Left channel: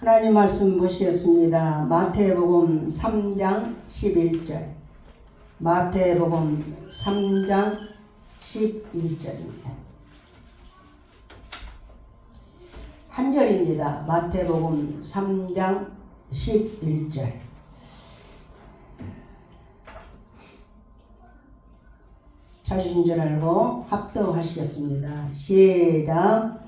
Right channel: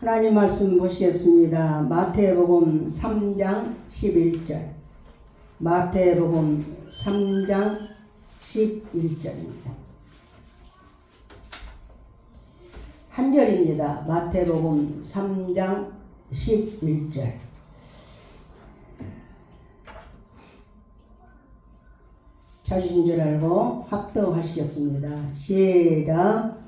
하나님 말씀 보시겠습니다. 마태복음 3장 11절. 마태복음 3장 11절입니다. 한 절입니다. 마태복음 3장 11절. 찾으신 줄 알고 합독하시겠습니다. 시작.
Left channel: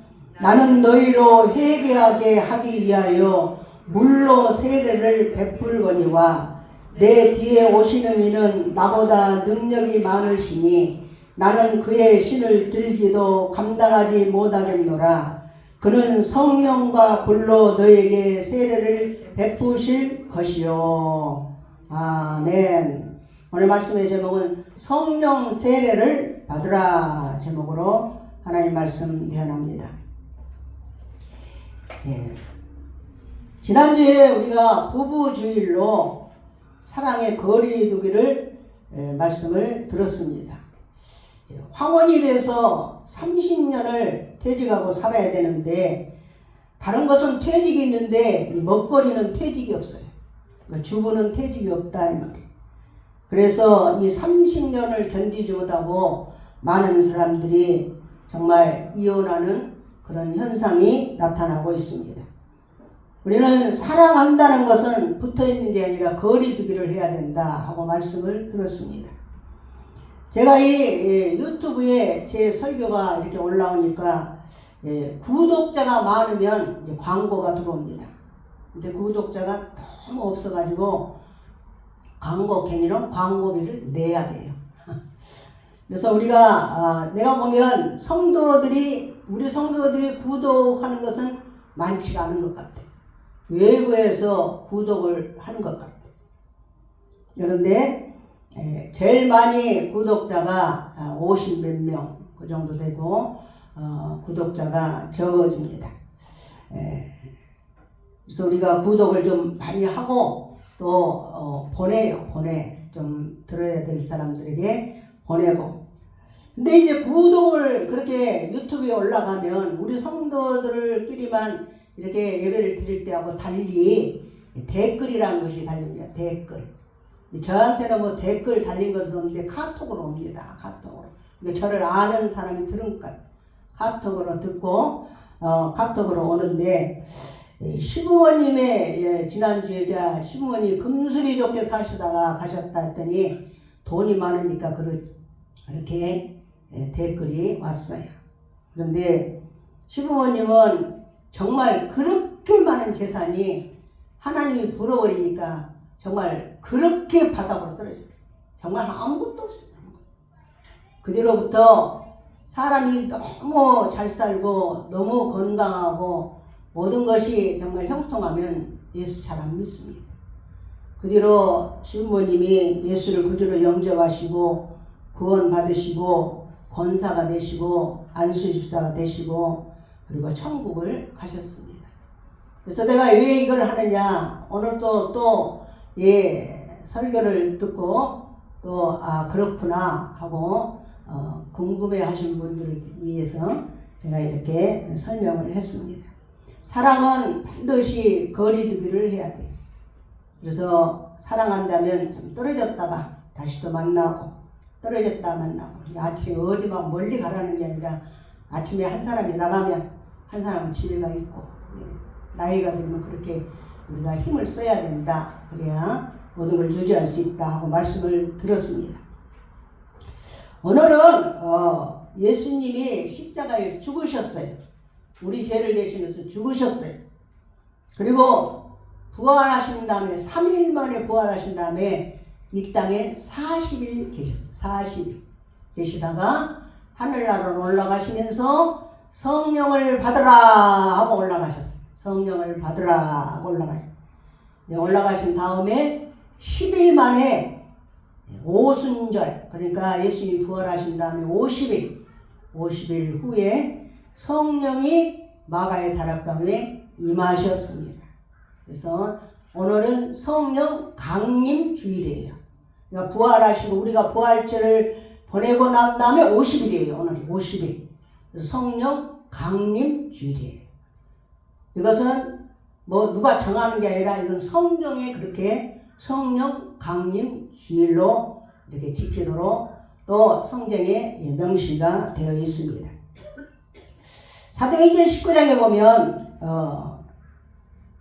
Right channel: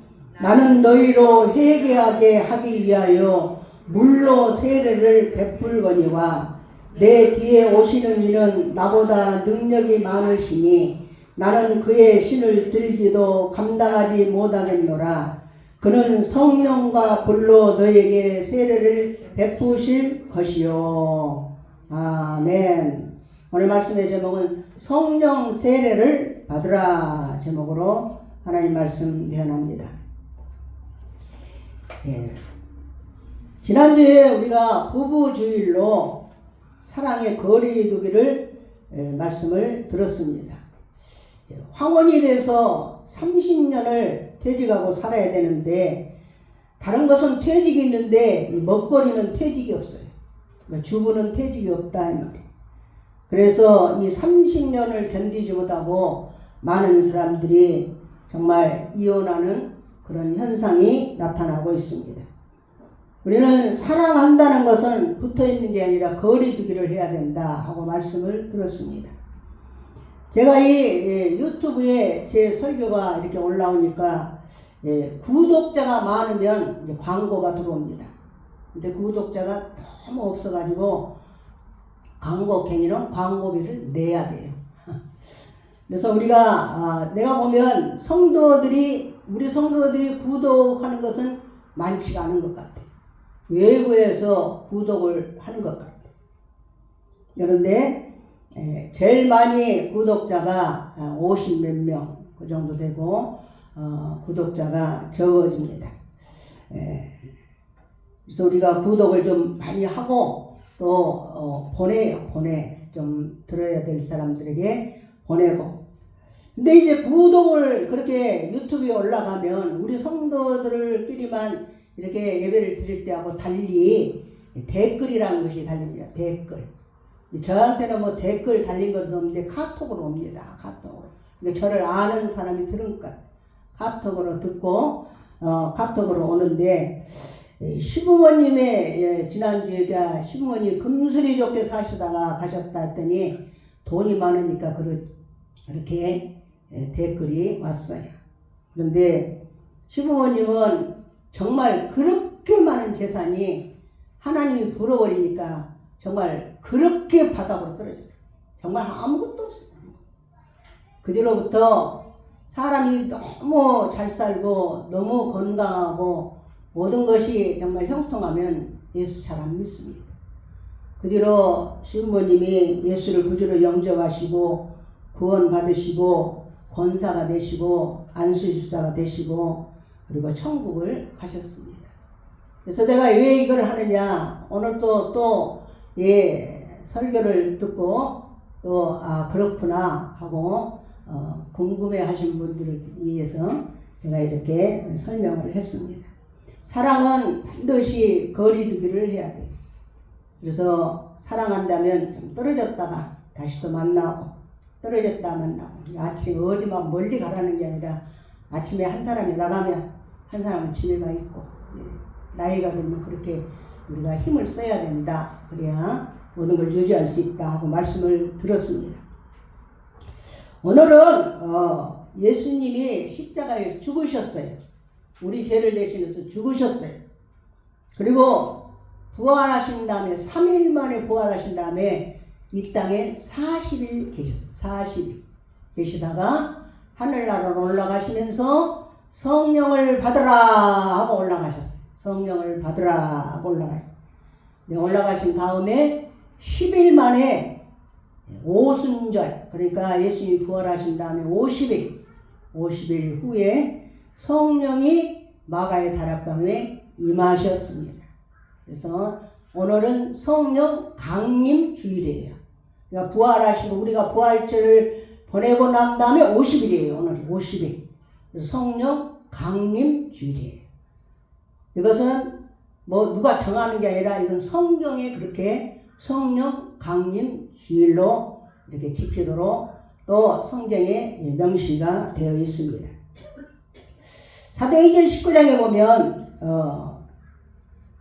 나는 너희로 회개하게 하기 위하여 물로 세례를 베풀거니와 내 뒤에 오시는 이는 나보다 능력이 많으시니 나는 그의 신을 들기도 감당하지 못하겠노라. 그는 성령과 불로 너에게 세례를 베푸실 것이요. 아멘. 오늘 말씀의 제목은 성령 세례를 받으라 제목으로 하나님 말씀 대언합니다. 지난주에 우리가 부부주일로 사랑의 거리두기를 말씀을 들었습니다. 황혼이 돼서 30년을 퇴직하고 살아야 되는데 다른 것은 퇴직이 있는데 이 먹거리는 퇴직이 없어요. 그러니까 주부는 퇴직이 없다 이 말이에요. 그래서 이 30년을 견디지 못하고 많은 사람들이 정말 이혼하는 그런 현상이 나타나고 있습니다. 우리는 사랑한다는 것은 붙어있는 게 아니라 거리두기를 해야 된다 하고 말씀을 들었습니다. 제가 이 유튜브에 제 설교가 이렇게 올라오니까 구독자가 많으면 이제 광고가 들어옵니다. 근데 구독자가 너무 없어가지고 광고행위는 광고비를 내야 돼요. 그래서 우리가 내가 보면 우리 성도들이 구독하는 것은 많지가 않은 것 같아요. 외부에서 구독을 하는 것 같아요. 그런데 제일 많이 구독자가 50몇 명 그 정도 되고 구독자가 적어집니다. 그래서 우리가 구독을 좀 많이 하고 또 좀 들어야 될 사람들에게 보내고. 근데 이제 구독을 그렇게 유튜브에 올라가면 우리 성도들끼리만 이렇게 예배를 드릴 때하고 달리 댓글이라는 것이 달립니다. 댓글. 저한테는 뭐 댓글 달린 것은 없는데 카톡으로 옵니다. 카톡으로. 그러니까 저를 아는 사람이 들으니까 카톡으로 듣고 카톡으로 오는데 시부모님의 지난주에 시부모님 금슬이 좋게 사시다가 가셨다 했더니 돈이 많으니까 그렇게 댓글이 왔어요. 그런데 시부모님은 정말 그렇게 많은 재산이 하나님이 불어버리니까 정말 그렇게 바닥으로 떨어져요. 정말 아무것도 없어요. 그 뒤로부터 사람이 너무 잘 살고 너무 건강하고 모든 것이 정말 형통하면 예수 잘 안 믿습니다. 그 뒤로 시부모님이 예수를 구주로 영접하시고 구원 받으시고 권사가 되시고 안수집사가 되시고 그리고 천국을 가셨습니다. 그래서 내가 왜 이걸 하느냐, 오늘 또 설교를 듣고 또 그렇구나 하고 궁금해 하신 분들을 위해서 제가 이렇게 설명을 했습니다. 사랑은 반드시 거리두기를 해야 돼요. 그래서 사랑한다면 좀 떨어졌다가 다시 또 만나고 떨어졌다 만나고. 아침 어디 막 멀리 가라는 게 아니라 아침에 한 사람이 나가면 한 사람은 집에가 있고, 나이가 들면 그렇게 우리가 힘을 써야 된다. 그래야 모든 걸 유지할 수 있다 하고 말씀을 들었습니다. 오늘은 예수님이 십자가에 죽으셨어요. 우리 죄를 대신해서 죽으셨어요. 그리고 부활하신 다음에 3일 만에 부활하신 다음에 이 땅에 40일 계셨어요. 40일 계시다가 하늘나라로 올라가시면서 성령을 받으라 하고 올라가셨어요. 성령을 받으라 하고 올라가셨어요. 올라가신 다음에 10일 만에 오순절, 그러니까 예수님이 부활하신 다음에 50일 후에 성령이 마가의 다락방에 임하셨습니다. 그래서 오늘은 성령 강림 주일이에요. 그러니까 부활하시고 우리가 부활절을 보내고 난 다음에 50일이에요. 오늘이 50일. 그래서 성령 강림 주일이에요. 이것은 뭐 누가 정하는 게 아니라 이건 성경에 그렇게 성령 강림 주일로 이렇게 지키도록 또 성경에 명시가 되어 있습니다. 사도행전 19장에 보면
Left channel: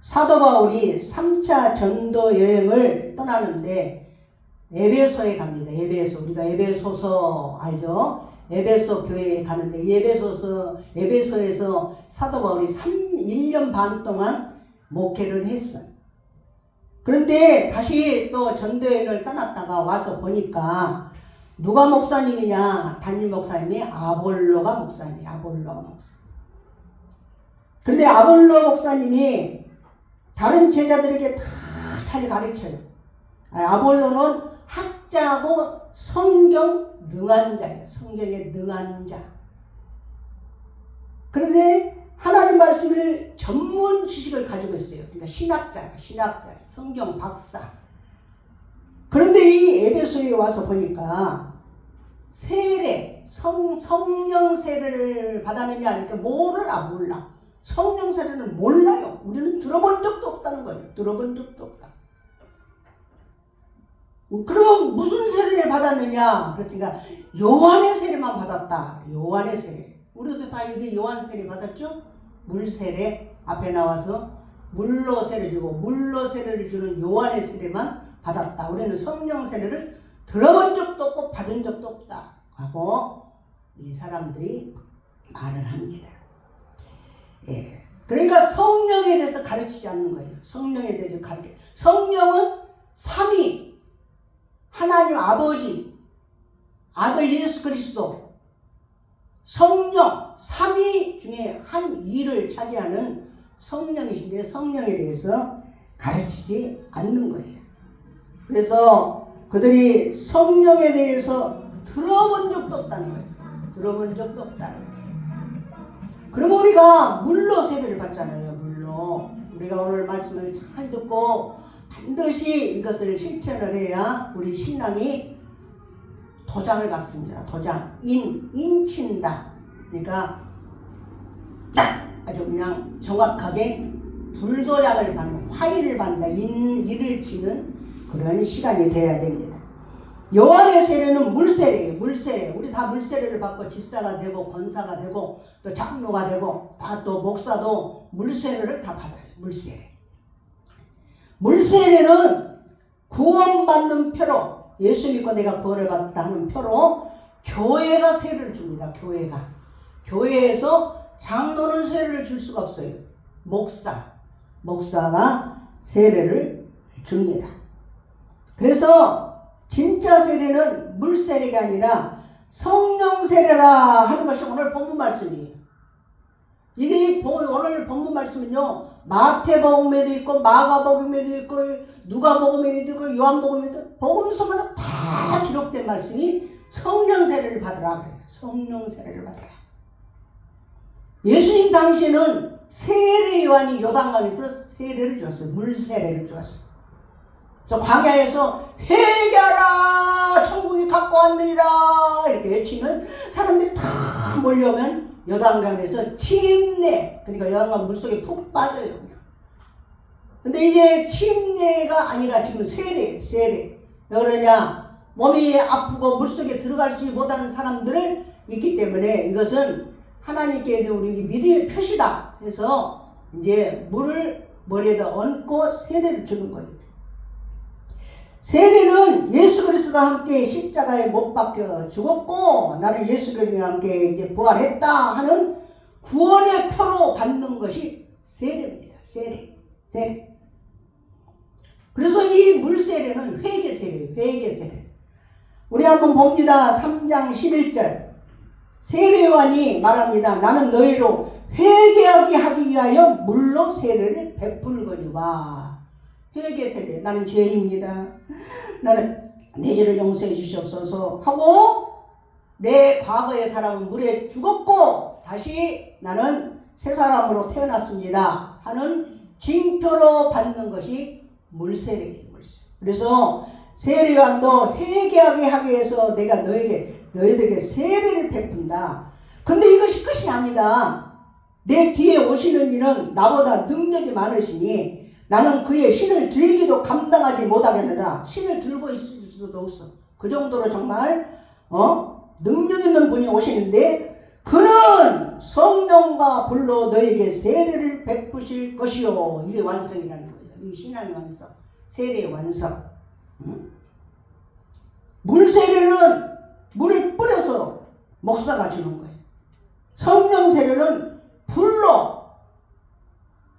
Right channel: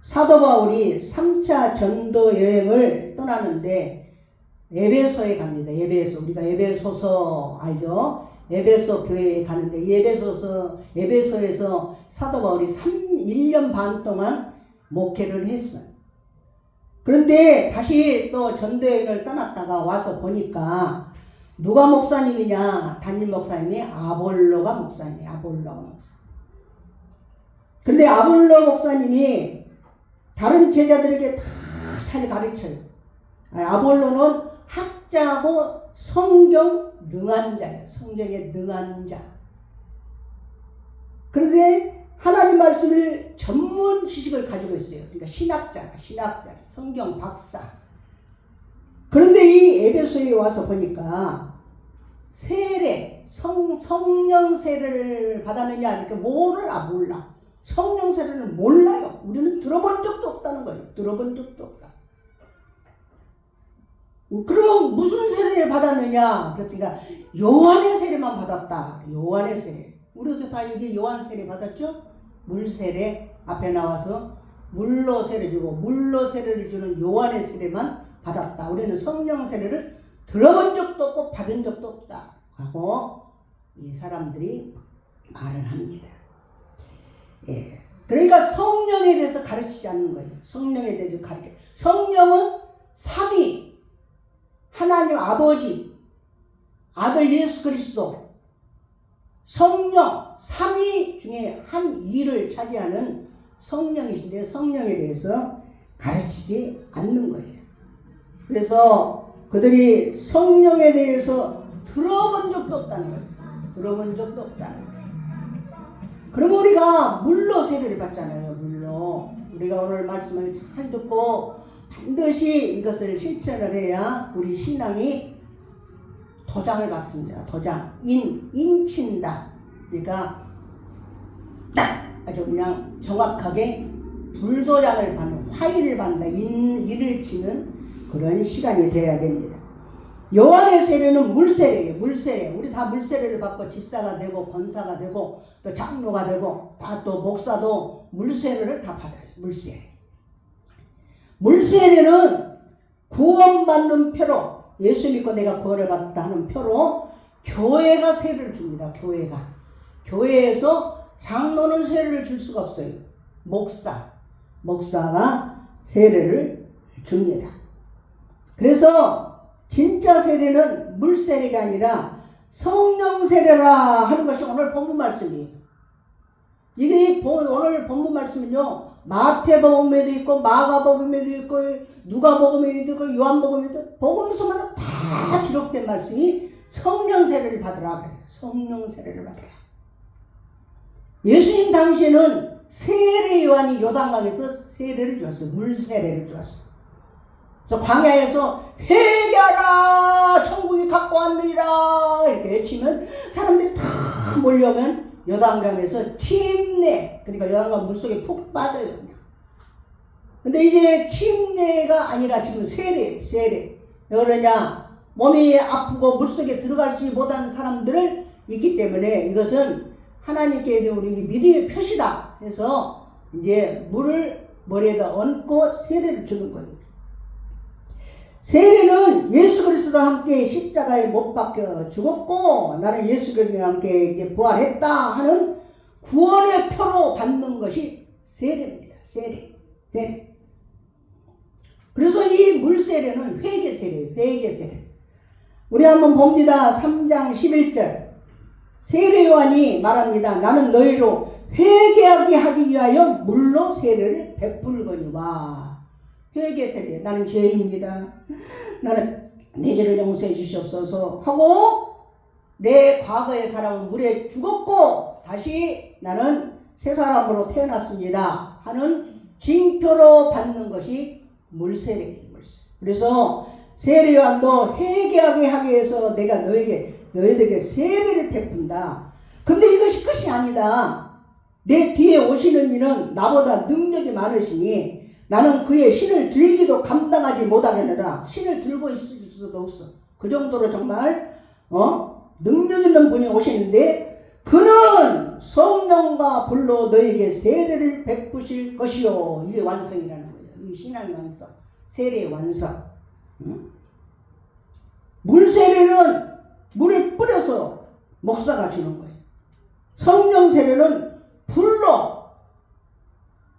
사도 바울이 3차 전도 여행을 떠나는데 에베소에 갑니다. 에베소, 우리가 에베소서 알죠? 에베소 교회에 가는데 에베소에서 사도 바울이 1년 반 동안 목회를 했어요. 그런데 다시 또 전도여행을 떠났다가 와서 보니까 누가 목사님이냐? 담임 목사님이 아볼로가 목사님이에요. 아볼로가 목사. 그런데 아볼로 목사님이 다른 제자들에게 다 잘 가르쳐요. 아볼로는 학자고 성경 능한 자예요. 성경에 능한 자. 그런데 하나님 말씀을 전문 지식을 가지고 있어요. 그러니까 신학자, 성경 박사. 그런데 이 에베소에 와서 보니까 세례, 성령 세례를 받았느냐, 이렇게 몰라. 성령 세례는 몰라요. 우리는 들어본 적도 없다는 거예요. 들어본 적도 없다. 그러면 무슨 세례를 받았느냐? 그러니까 요한의 세례만 받았다. 요한의 세례. 우리도 다 이게 요한 세례 받았죠? 물 세례 앞에 나와서 물로 세례 주고 물로 세례를 주는 요한의 세례만 받았다. 우리는 성령 세례를 들어본 적도 없고 받은 적도 없다. 하고 이 사람들이 말을 합니다. 예. 그러니까 성령에 대해서 가르치지 않는 거예요. 성령에 대해서 가르쳐. 성령은 삼위. 하나님 아버지, 아들 예수 그리스도, 성령, 삼위 중에 한 위를 차지하는 성령이신데 성령에 대해서 가르치지 않는 거예요. 그래서 그들이 성령에 대해서 들어본 적도 없다는 거예요. 들어본 적도 없다는 거예요. 그럼 우리가 물로 세례를 받잖아요. 물로. 우리가 오늘 말씀을 잘 듣고 반드시 이것을 실천을 해야 우리 신앙이 도장을 받습니다. 도장. 인친다. 그러니까 딱 아주 그냥 정확하게 불도장을 받는, 화일을 받는다. 인을 치는 그런 시간이 되어야 됩니다. 요한의 세례는 물세례예요. 물세례. 우리 다 물세례를 받고 집사가 되고 권사가 되고 또 장로가 되고 다 또 목사도 물세례를 다 받아요. 물세례. 물세례는 구원받는 표로, 예수 믿고 내가 구원을 받았다 하는 표로 교회가 세례를 줍니다. 교회에서 장로는 세례를 줄 수가 없어요. 목사가 세례를 줍니다. 그래서 진짜 세례는 물세례가 아니라 성령 세례라 하는 것이 오늘 본문 말씀이에요. 이게 오늘 본문 말씀은요, 마태복음에도 있고 마가복음에도 있고 누가복음에도 있고 요한복음에도 있고 복음서마다 다 기록된 말씀이 성령 세례를 받으라 그래요. 성령 세례를 받으라. 예수님 당시에는 세례 요한이 요단강에서 세례를 주었어요. 물 세례를 주었어요. 그래서 광야에서 회개하라 천국이 갖고 왔느니라 이렇게 외치면 사람들이 다 몰려오면 요단강에서 침례, 그러니까 요단강 물속에 푹 빠져요. 근데 이제 침례가 아니라 지금 세례. 왜 그러냐? 몸이 아프고 물속에 들어가지 못하는 사람들을 있기 때문에 이것은 하나님께 우리 믿음의 표시다 해서 이제 물을 머리에다 얹고 세례를 주는 거예요. 세례는 예수 그리스도와 함께 십자가에 못 박혀 죽었고 나는 예수 그리스도와 함께 이제 부활했다 하는 구원의 표로 받는 것이 세례입니다. 세례. 그래서 이 물세례는 회개세례. 우리 한번 봅니다. 3장 11절. 세례 요한이 말합니다. 나는 너희로 회개하게 하기 위하여 물로 세례를 베풀거니와. 회개세례. 나는 죄인입니다. 나는 내 죄를 용서해 주시옵소서 하고 내 과거의 사람은 물에 죽었고 다시 나는 새 사람으로 태어났습니다 하는 징표로 받는 것이 물세례예요. 그래서 세례 요한도 회개하게 하기 위해서 내가 너희들에게 세례를 베푼다. 근데 이것이 끝이 아니다. 내 뒤에 오시는 이는 나보다 능력이 많으시니 나는 그의 신을 들기도 감당하지 못하겠느라. 신을 들고 있을 수도 없어. 그 정도로 정말 능력 있는 분이 오시는데 그는 성령과 불로 너에게 세례를 베푸실 것이요. 이게 완성이라는 거예요. 이 신앙의 완성, 세례의 완성. 물 세례는 물을 뿌려서 목사가 주는 거예요. 성령 세례는 불로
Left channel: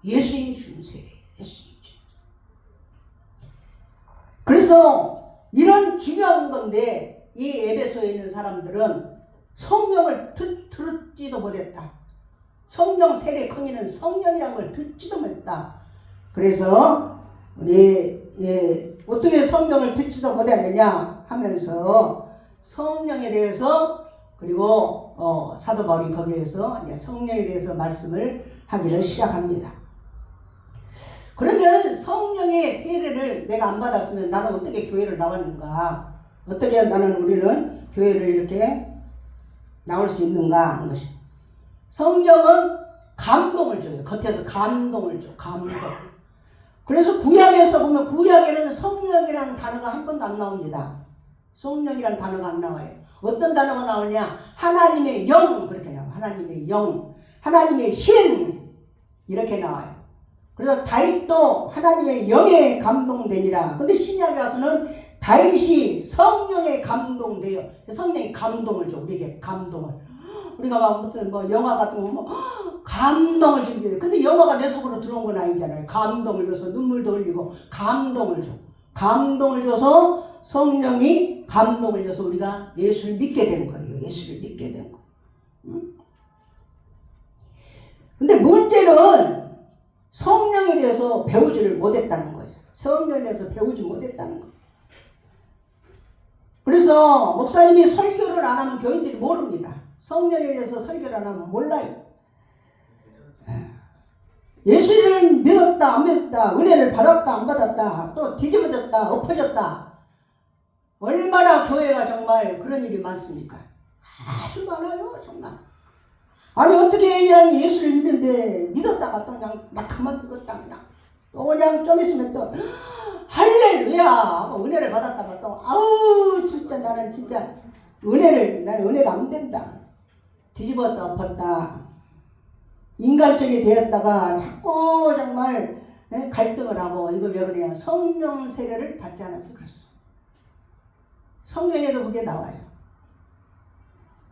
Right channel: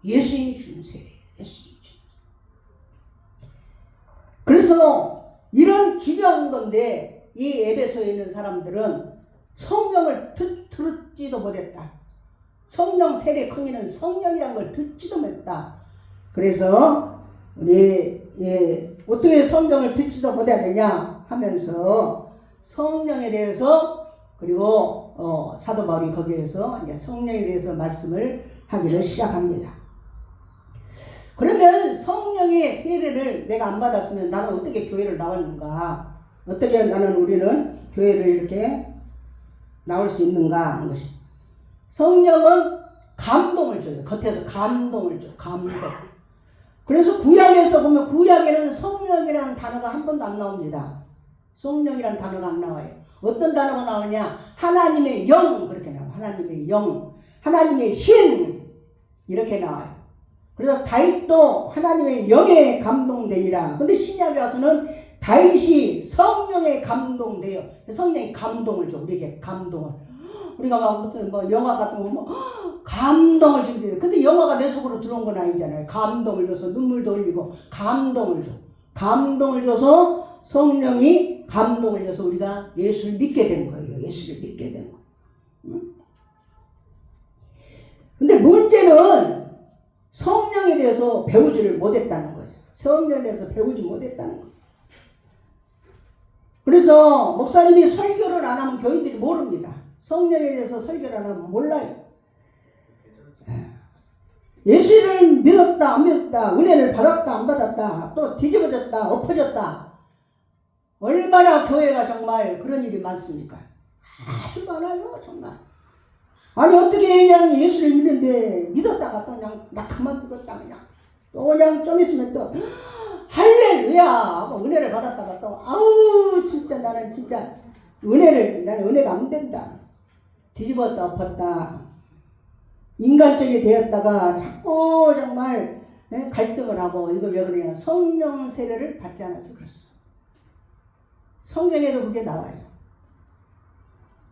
예수님이 주는 세례예요. 예수님이 주는. 그래서 이런 중요한 건데 이 에베소에 있는 사람들은 성령을 듣지도 못했다. 성령 세례 강의는 성령이라는 걸 듣지도 못했다. 그래서 우리 어떻게 성령을 듣지도 못했느냐 하면서 성령에 대해서 그리고 사도 바울이 거기에서 이제 성령에 대해서 말씀을 하기를 시작합니다. 그러면 성령의 세례를 내가 안 받았으면 나는 어떻게 교회를 나왔는가? 어떻게 우리는 교회를 이렇게 나올 수 있는가 하는 것이. 성령은 감동을 줘요. 겉에서 감동을 줘. 감동. 그래서 구약에서 보면 구약에는 성령이라는 단어가 한 번도 안 나옵니다. 성령이라는 단어가 안 나와요. 어떤 단어가 나오냐? 하나님의 영 그렇게 나와요. 하나님의 영, 하나님의 신 이렇게 나와요. 그래서 다윗도 하나님의 영에 감동되니라. 근데 신약에 와서는 다윗이 성령에 감동돼요. 성령이 감동을 줘. 우리에게 감동을. 우리가 막 무슨 영화 같은 거 보면 감동을 주게 돼. 근데 영화가 내 속으로 들어온 건 아니잖아요. 감동을 줘서 눈물도 흘리고 감동을 줘. 감동을 줘서 성령이 감동을 줘서 우리가 예수를 믿게 된 거예요. 예수를 믿게 된 거예요. 응? 근데 문제는 성령에 대해서 배우지를 못했다는 거예요. 성령에 대해서 배우지 못했다는 거예요. 그래서 목사님이 설교를 안 하면 교인들이 모릅니다. 성령에 대해서 설교를 안 하면 몰라요. 예수를 믿었다 안 믿었다, 은혜를 받았다 안 받았다, 또 뒤집어졌다 엎어졌다, 얼마나 교회가 정말 그런 일이 많습니까? 아주 많아요 정말. 아니 어떻게 그냥 예수를 믿는데 믿었다가 또 그냥 나 그만 믿었다 그냥 또 그냥 좀 있으면 또 할렐루야 하고 은혜를 받았다가 또 아우 진짜 나는 진짜 나는 은혜가 안 된다, 뒤집었다 엎었다, 인간적이 되었다가 자꾸 정말 갈등을 하고. 이거 왜 그러냐? 성령 세례를 받지 않아서 그렇소. 성경에도 그게 나와요.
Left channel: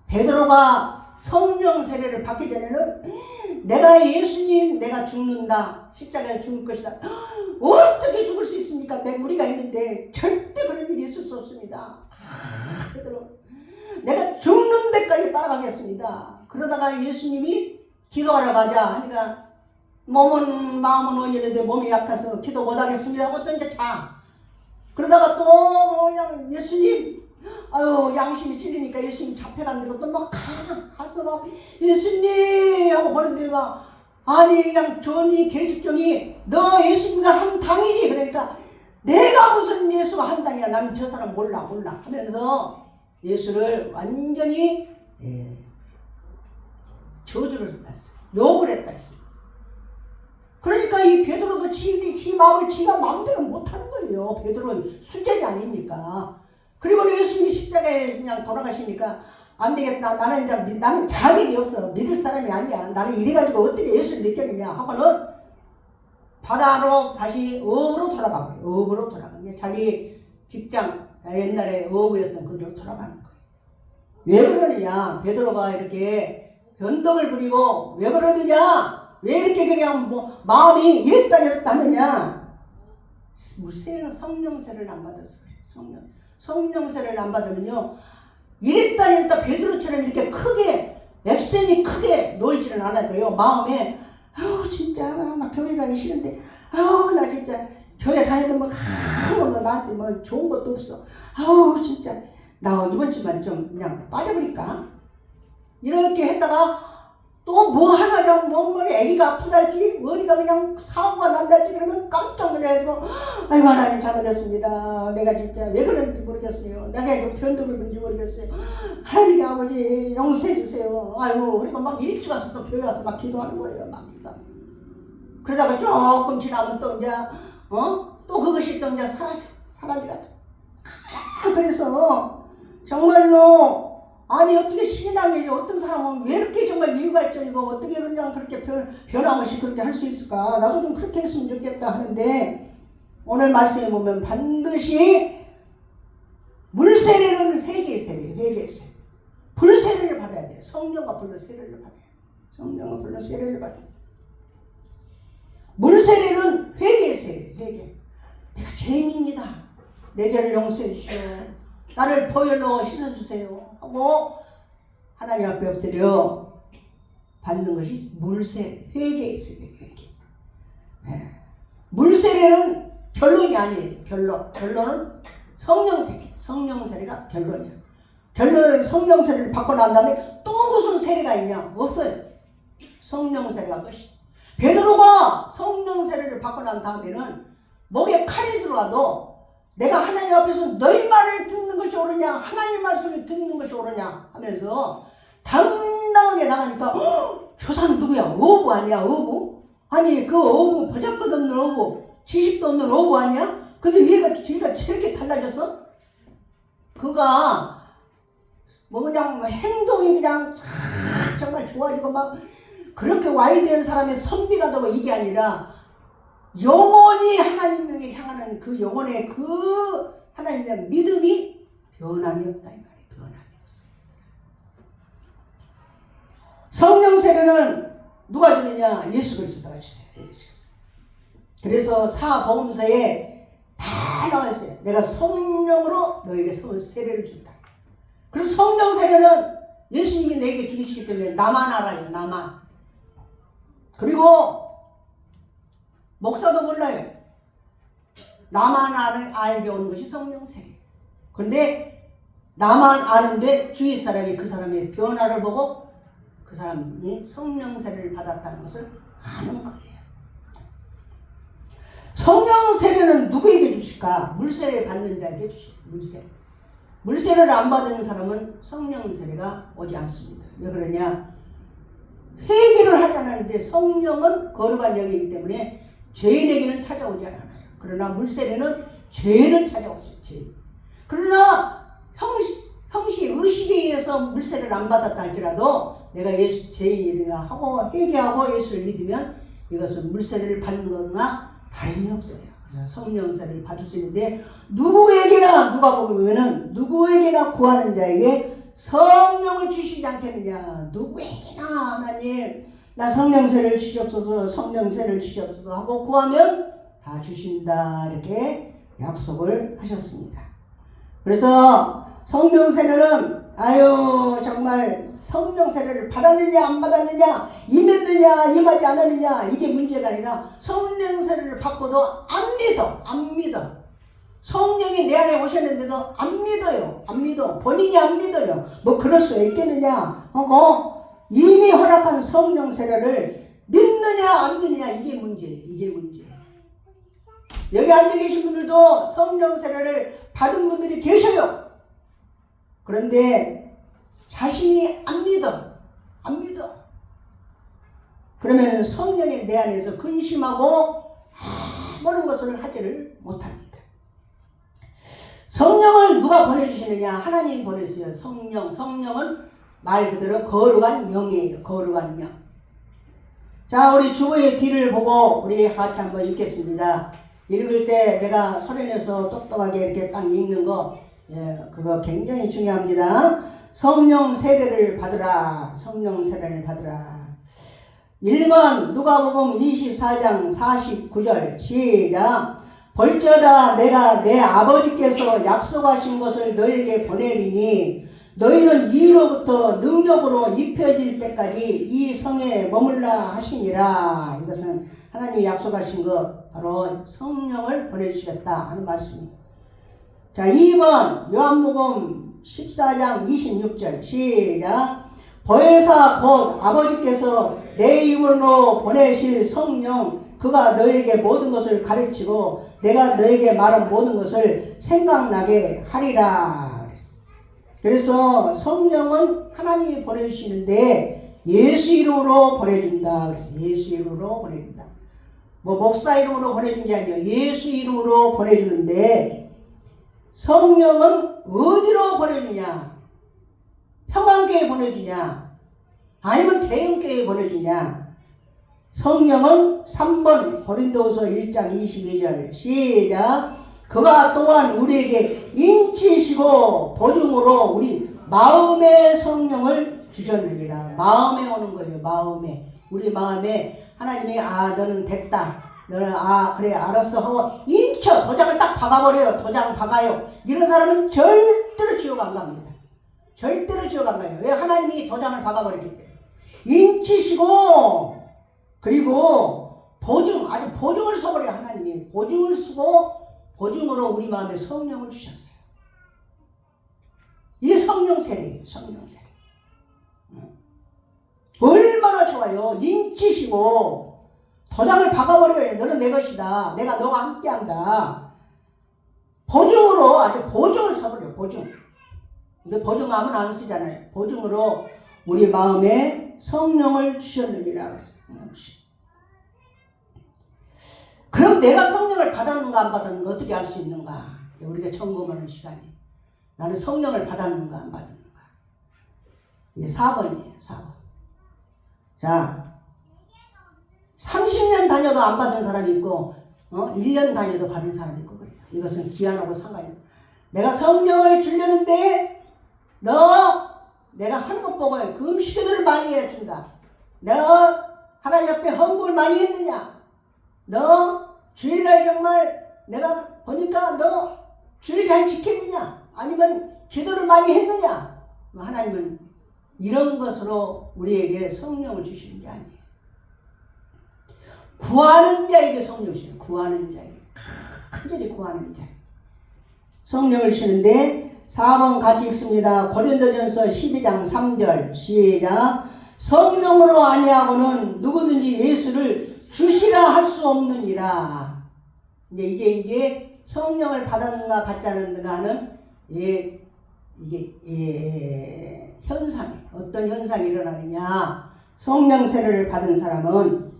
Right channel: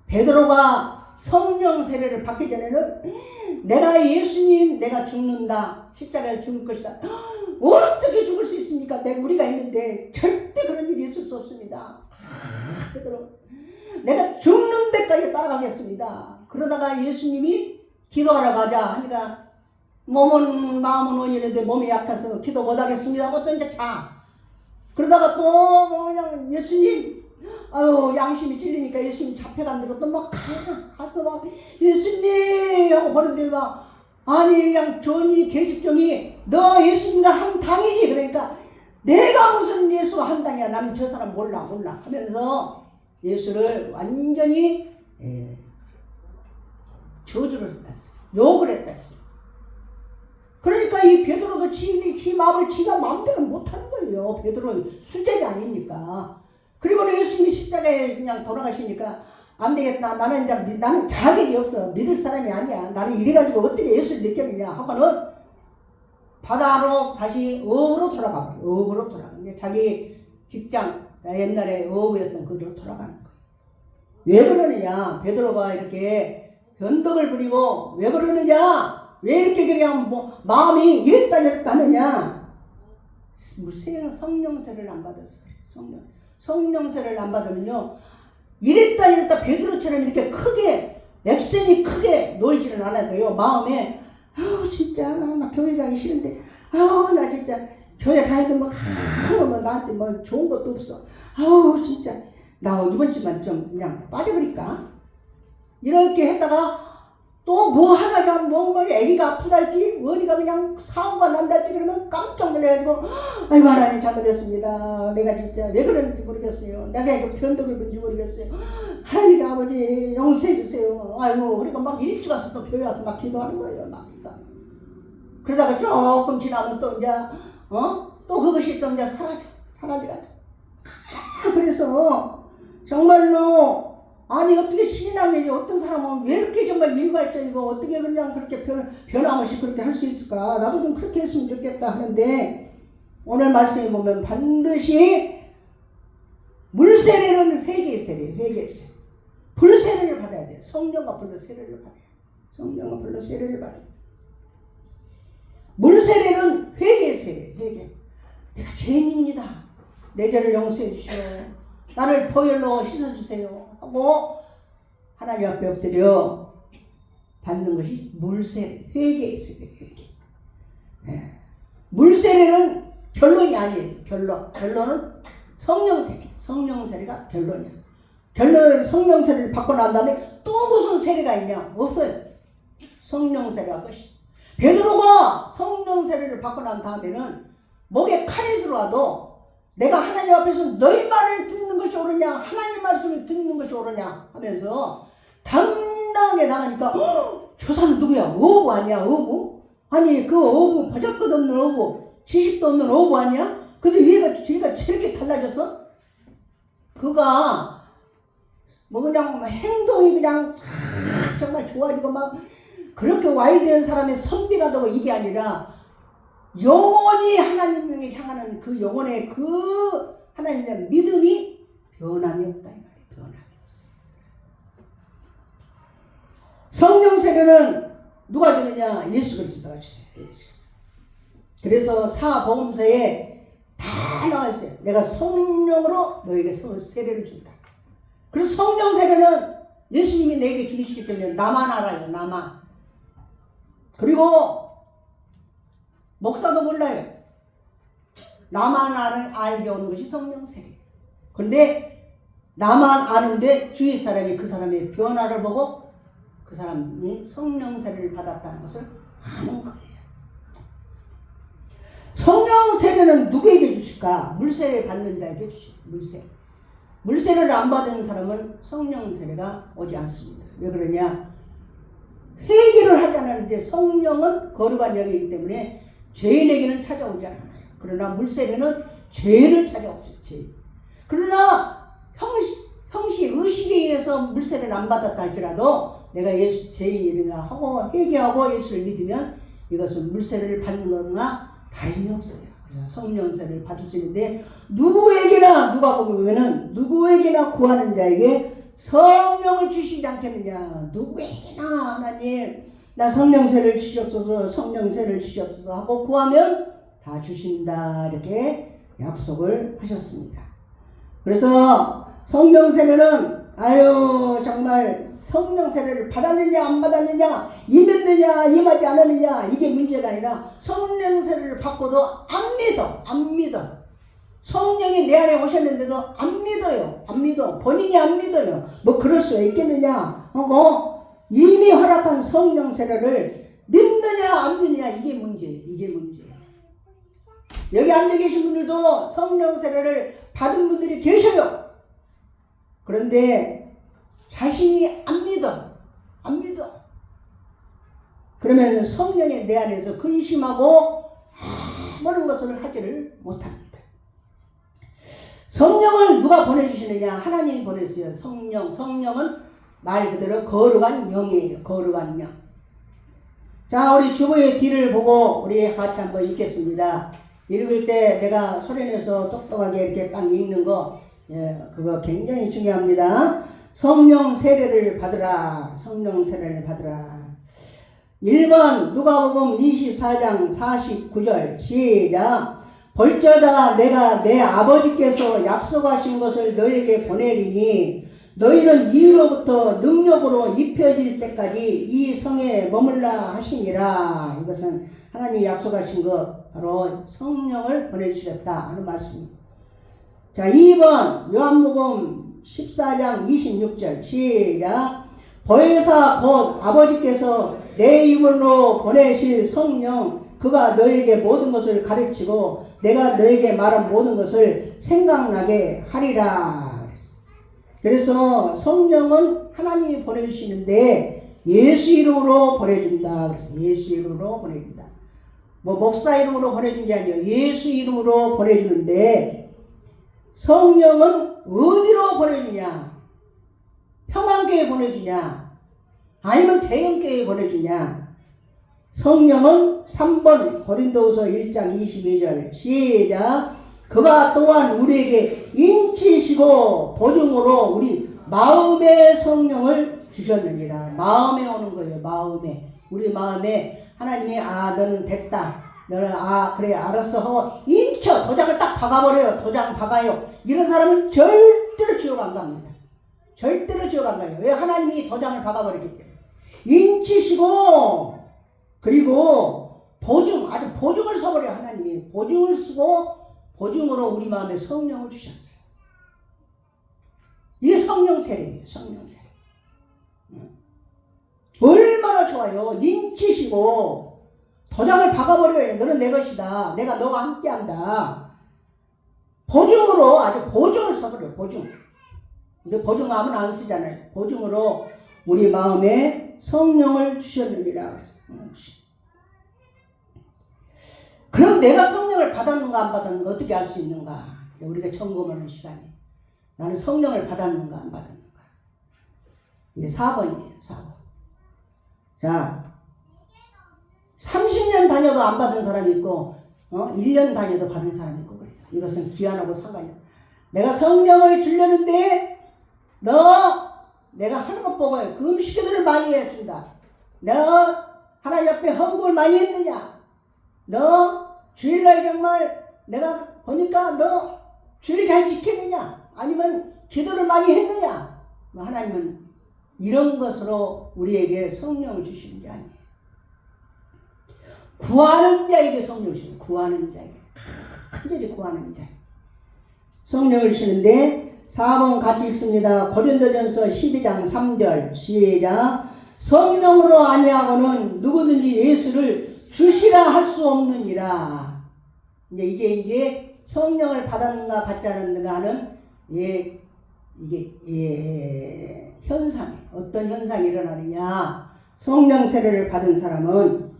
베드로가 성령 세례를 받기 전에는 내가 예수님 내가 죽는다, 십자가에 죽을 것이다. 어떻게 죽을 수 있습니까? 우리가 있는데 절대 그런 일이 있을 수 없습니다. 베드로 내가 죽는 데까지 따라가겠습니다. 그러다가 예수님이 기도하러 가자 하니까 몸은 마음은 원이는데 몸이 약해서 기도 못하겠습니다 하고 또 이제 자. 그러다가 또 그냥 예수님 아유 양심이 찔리니까 예수님 잡혀간 대로 또 막 가서 막 예수님 하고 보는데 막 아니 그냥 존이 계집종이 너 예수님과 한 당이지. 그러니까 내가 무슨 예수와 한 당이야, 나는 저 사람 몰라 하면서 예수를 완전히 저주를 했다, 욕을 했다 했어. 그러니까 이 베드로도 지 마음을 지가 마음대로 못하는 거예요. 베드로는 수제이 아닙니까? 그리고 예수님이 십자가에 그냥 돌아가시니까 안 되겠다, 나는 자격이 없어, 믿을 사람이 아니야, 나는 이래가지고 어떻게 예수를 믿겠느냐 하고는 바다로 다시 어부로 돌아가. 어부로 돌아가. 자기 직장 옛날에 어부였던 그대로 돌아가는 거예요. 왜 그러느냐? 베드로가 이렇게 변덕을 부리고 왜 그러느냐? 왜 이렇게 그냥 마음이 이랬다 저랬다 하느냐? 세례는 성령세를 안 받았어요. 성령세를 안 받으면요, 이랬다 저랬다 베드로처럼 이렇게 크게 액션이 크게 놀지는 않아도요, 마음에 진짜 나 교회 가기 싫은데 나 진짜 교회 가야 뭐 나한테 좋은 것도 없어, 진짜 나 이번 주만 좀 그냥 빠져버릴까? 이렇게 했다가 또 뭐 하나 잘못 먹으면 애기가 아프달지 어디가 그냥 사고가 난달지 그러면 깜짝 놀래가지고 아이고 하나님 잘못했습니다. 내가 진짜 왜 그런지 모르겠어요. 내가 이거 변덕을 그런지 모르겠어요. 하나님 아버지 용서해 주세요. 아이고 우리가 막 일찍 와서 또 교회 와서 막 기도하는 거예요. 막 기도. 그러다가 조금 지나면 또 이제 또 그것이 또 이제 사라져가지고 그래서 정말로 아니 어떻게 신앙이 어떤 사람은 왜 이렇게 정말 일괄적이고 어떻게 그냥 그렇게 변함없이 그렇게 할 수 있을까? 나도 좀 그렇게 했으면 좋겠다 하는데 오늘 말씀에 보면 반드시 물세례는 회개세례, 회개세례. 불세례를 받아야 돼요. 성령과 불로 세례를 받아야 돼요. 성령과 불로 세례를 받아야 돼요. 물세례는 회개세례, 회개. 내가 죄인입니다. 내 죄를 용서해 주시오. 나를 보혈로 씻어주세요. 하고 하나님 앞에 엎드려 받는 것이 물세례, 회개세례, 회개세례. 물세례는 결론이 아니에요. 결론은 성령세례. 성령세례가 결론이야. 성령세례를 받고 난 다음에 또 무슨 세례가 있냐? 없어요. 성령세례가 끝이. 베드로가 성령세례를 받고 난 다음에는 목에 칼이 들어와도 내가 하나님 앞에서 너희 말을 듣는 것이 옳으냐 하나님 말씀을 듣는 것이 옳으냐 하면서 당당하게 나가니까 저 사람 누구야? 어부 아니야? 어부? 아니 그 어부 버젓것없는 어부 지식도 없는 어부 아니야? 근데 얘가 저렇게 달라졌어? 그가 뭐 그냥 행동이 그냥 정말 좋아지고 막 그렇게 와일드한 사람의 선비라도 이게 아니라 영원히 하나님을 향하는 그 영혼의 그 하나님에 대한 믿음이 변함이 없다 이 말이에요. 변함이 없어요. 성령 세례는 누가 주느냐? 예수 그리스도가 주세요. 그래서 사복음서에 다 나와 있어요. 내가 성령으로 너에게 세례를 준다. 그래서 성령 세례는 예수님이 내게 주시기 때문에 나만 알아요. 나만. 그리고 목사도 몰라요. 나만 알게 오는 것이 성령 세례. 그런데 나만 아는데 주위 사람이 그 사람의 변화를 보고 그 사람이 성령 세례를 받았다는 것을 아는 거예요. 성령 세례는 누구에게 주실까? 물세례 받는 자에게 주십니다. 물세례를 안 받는 사람은 성령 세례가 오지 않습니다. 왜 그러냐? 회개를 하지 않았는데 성령은 거룩한 영이기 때문에 죄인에게는 찾아오지 않아요. 그러나 물세례는 죄를 찾아왔어요. 죄. 그러나 형시 의식에 의해서 물세례를 안 받았다 할지라도 내가 예수 죄인이라 하고 회개하고 예수를 믿으면 이것은 물세례를 받는 거나 다름이 없어요. 그래서 성령세례를 받을 수 있는데 누구에게나 누가 보면은 누구에게나 구하는 자에게 성령을 주시지 않겠느냐. 누구에게나 하나님 나 성령세를 주시옵소서 성령세를 주시옵소서 하고 구하면 다 주신다 이렇게 약속을 하셨습니다. 그래서 성령세례는 정말 성령세례를 받았느냐 안 받았느냐 임했느냐 임하지 않았느냐 이게 문제가 아니라 성령세례를 받고도 안 믿어. 성령이 내 안에 오셨는데도 안 믿어. 본인이 안 믿어요. 뭐 그럴 수 있겠느냐? 이미 허락한 성령 세례를 믿느냐 안 믿느냐 이게 문제예요. 여기 앉아 계신 분들도 성령 세례를 받은 분들이 계셔요. 그런데 자신이 안 믿어. 그러면 성령이 내 안에서 근심하고 아무런 것을 하지를 못합니다. 성령을 누가 보내주시느냐? 하나님이 보내주세요. 성령은 말 그대로 거룩한 영이에요. 거룩한 영. 자, 우리 주보의 뒤를 보고 우리 같이 한번 읽겠습니다. 읽을 때 내가 소리내서 똑똑하게 이렇게 딱 읽는 거, 그거 굉장히 중요합니다. 성령 세례를 받으라. 성령 세례를 받으라. 1번 누가복음 24장 49절 시작. 벌저다 내가 내 아버지께서 약속하신 것을 너에게 보내리니 너희는 이후로부터 능력으로 입혀질 때까지 이 성에 머물라 하시니라. 이것은 하나님이 약속하신 것 바로 성령을 보내주시겠다 하는 말씀입니다. 자, 2번 요한복음 14장 26절 시작. 보혜사 곧 아버지께서 내 이름으로 보내실 성령 그가 너에게 모든 것을 가르치고 내가 너에게 말한 모든 것을 생각나게 하리라. 그래서 성령은 하나님이 보내주시는데 예수 이름으로 보내준다. 그래서 예수 이름으로 보내준다. 뭐 목사 이름으로 보내준 게 아니에요. 예수 이름으로 보내주는데 성령은 어디로 보내주냐? 평안교회 보내주냐? 아니면 대형교회 보내주냐? 성령은 3번 고린도후서 1장 22절 시작. 그가 또한 우리에게 인치시고 보증으로 우리 마음의 성령을 주셨느니라. 마음에 오는 거예요. 마음에. 우리 마음에 하나님이 너는 됐다. 너는 그래 알았어 하고 인쳐 도장을 딱 박아버려요. 도장 박아요. 이런 사람은 절대로 지옥 안 갑니다. 절대로 지옥 안 가요. 왜? 하나님이 도장을 박아버리기 때문에. 인치시고 그리고 보증, 아주 보증을 써버려요. 하나님이 보증을 쓰고 보증으로 우리 마음에 성령을 주셨어요. 이게 성령 세례예요. 성령 세례. 얼마나 좋아요. 인치시고 도장을 박아버려요. 너는 내 것이다. 내가 너와 함께한다. 보증으로 아주 보증을 써버려요. 보증. 근데 보증하면 안 쓰잖아요. 보증으로 우리 마음에 성령을 주셨느니라 그랬어요. 그럼 내가 성령을 받았는가 안 받았는가 어떻게 알 수 있는가? 우리가 점검하는 시간이. 나는 성령을 받았는가 안 받았는가? 이게 4번이에요. 4번. 자, 30년 다녀도 안 받은 사람이 있고 1년 다녀도 받은 사람이 있고 그래요. 이것은 기한하고 상관이 없어요. 내가 성령을 주려는데 내가 하는 것 보고 금식 기도를 많이 해준다. 너 하나님 앞에 헌금을 많이 했느냐? 너 주일날 정말 내가 보니까 너 주일 잘 지키느냐? 아니면 기도를 많이 했느냐? 하나님은 이런 것으로 우리에게 성령을 주시는 게 아니에요. 구하는 자에게 성령을 주시는 거예요. 구하는 자에게. 간절히 구하는 자. 성령을 주시는데 4번 같이 읽습니다. 고린도전서 12장 3절 시작. 성령으로 아니하고는 누구든지 예수를 주시라 할 수 없느니라. 이게 성령을 받았는가 받지 않았는가 하는 현상. 어떤 현상이 일어나느냐. 성령 세례를 받은 사람은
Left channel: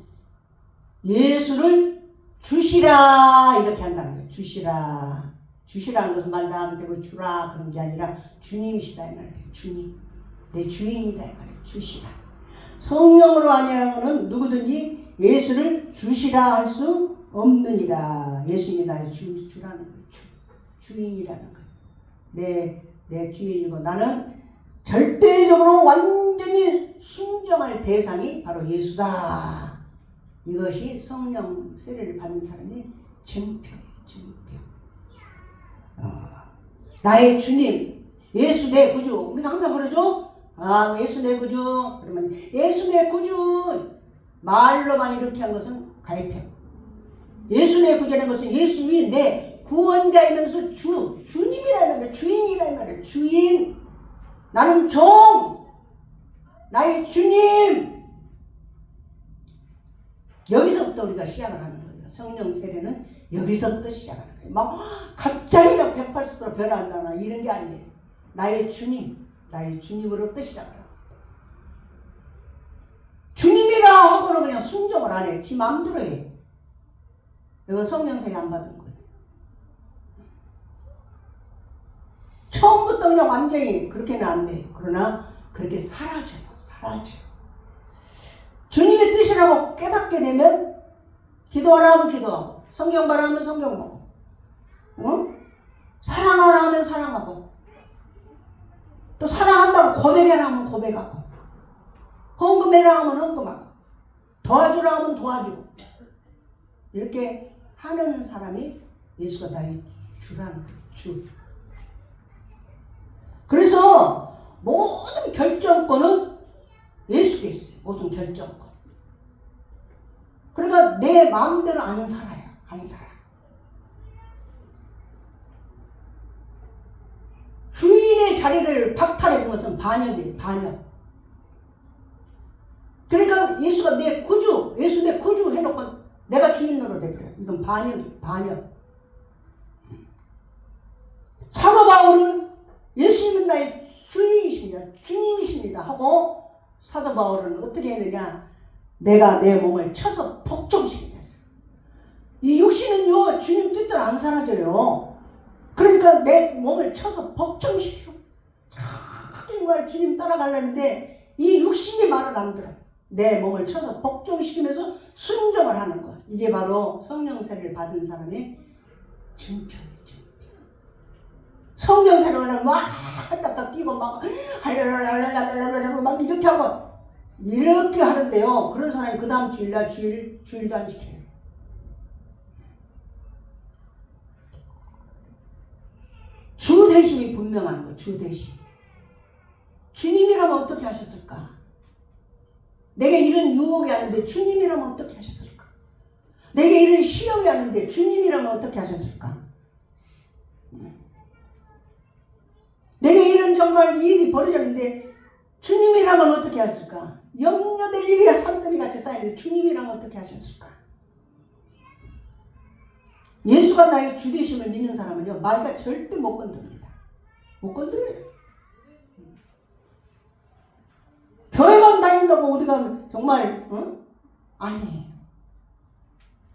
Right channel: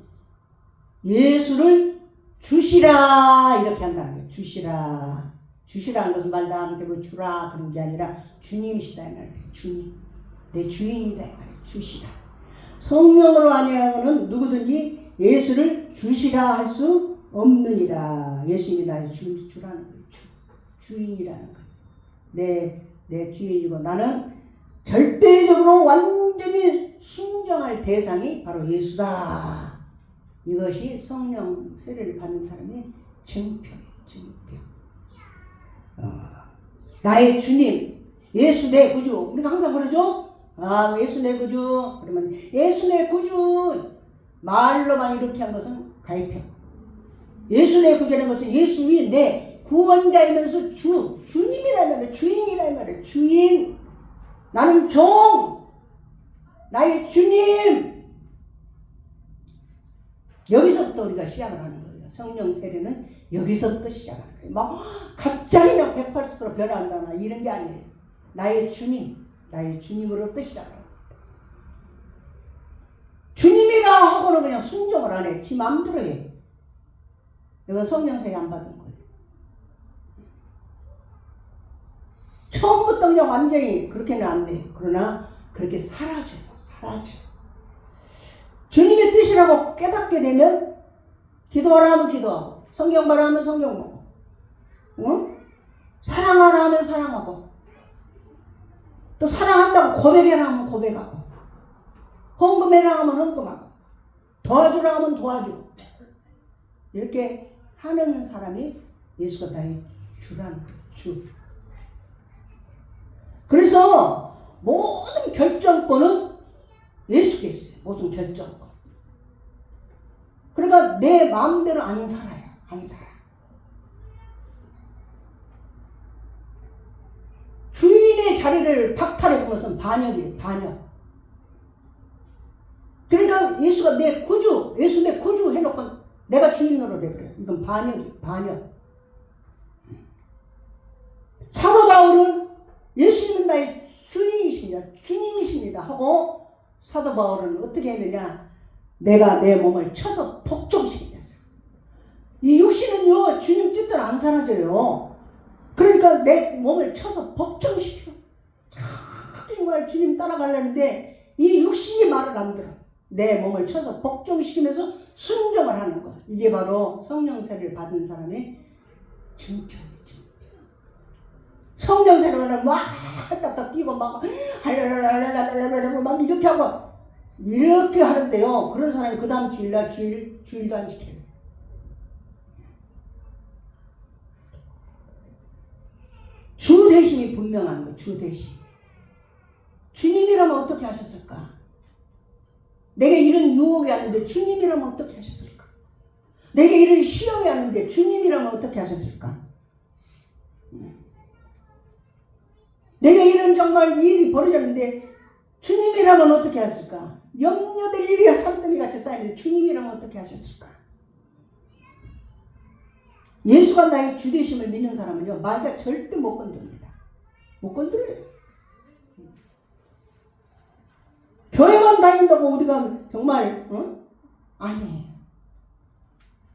예수를 주시라 이렇게 한다는 거예요. 주시라. 주시라는 것은 말 나한테 뭐 주라 그런 게 아니라 주님이시다 이 말이에요. 주님. 내 주인이다 이 말이에요. 주시라. 성령으로 아니하고는 누구든지 예수를 주시라 할 수 없느니라. 예수님이 나의 주라는 거예요. 주인이라는 거예요. 내 주인이고 나는 절대적으로 완전히 순종할 대상이 바로 예수다. 이것이 성령 세례를 받는 사람의 증표예요. 증표. 나의 주님, 예수 내 구주. 우리가 항상 그러죠? 예수 내 구주. 그러면 예수 내 구주. 말로만 이렇게 한 것은 가입형. 예수 내 구주라는 것은 예수님이 내 구원자이면서 주님이라는 말이에요. 주인이라는 말이에요. 주인. 나는 종. 나의 주님. 여기서부터 우리가 시작을 하는 거예요. 성령 세례는 여기서부터 시작하는 거예요. 막 갑자기 180도로 변한다나 이런 게 아니에요. 나의 주님, 나의 주님으로부터 시작을 합니다. 주님이라 하고는 그냥 순종을 안 해. 지 마음대로 해. 이건 성령 세례 안 받은 거예요. 처음부터 그냥 완전히 그렇게는 안 돼. 그러나 그렇게 사라져요. 사라져. 주님의 뜻이라고 깨닫게 되면 기도하라 하면 기도하고 성경 봐라 하면 성경 보고 사랑하라 하면 사랑하고 또 사랑한다고 고백해라 하면 고백하고 헌금해라 하면 헌금하고 도와주라 하면 도와주고 이렇게 하는 사람이 예수가 나의 주라는 주. 그래서 모든 결정권은 예수께 있어요. 모든 결정권. 그러니까 내 마음대로 안 살아요. 안 살아. 주인의 자리를 박탈해 본 것은 반역이에요. 반역. 그러니까 예수가 내 구주, 예수 내 구주 해놓고 내가 주님 노릇해버려요. 이건 반역. 사도 바울은 예수님은 나의 주인이십니다. 주님이십니다. 하고 사도 바울은 어떻게 했느냐? 내가 내 몸을 쳐서 복종시키겠어. 이 육신은요, 주님 뜻대로 안 사라져요. 그러니까 내 몸을 쳐서 복종시켜. 정말 주님 따라가려는데 이 육신이 말을 안 들어. 내 몸을 쳐서 복종시키면서 순종을 하는 거. 이게 바로 성령 세례를 받은 사람의 증표예요. 성령 세례를 하면 막 딱딱 뛰고 막 할랄랄랄랄랄랄랄 막 이렇게 하고 이렇게 하는데요. 그런 사람이 그 다음 주일날 주일도 안 지켜요. 주 대심이 분명한 거. 주 대심. 주님이라면 어떻게 하셨을까? 내게 이런 유혹이 왔는데 주님이라면 어떻게 하셨을까? 내게 이런 시험이 왔는데 주님이라면 어떻게 하셨을까? 내게 이런 정말 일이 벌어졌는데 주님이라면 어떻게 하셨을까? 염려될 일이 산더미 같이 쌓이는데 주님이라면 어떻게 하셨을까? 예수가 나의 주되심을 믿는 사람은요, 마귀가 절대 못 건드립니다. 못 건드려요. 교회만 다닌다고 우리가 정말 아니에요.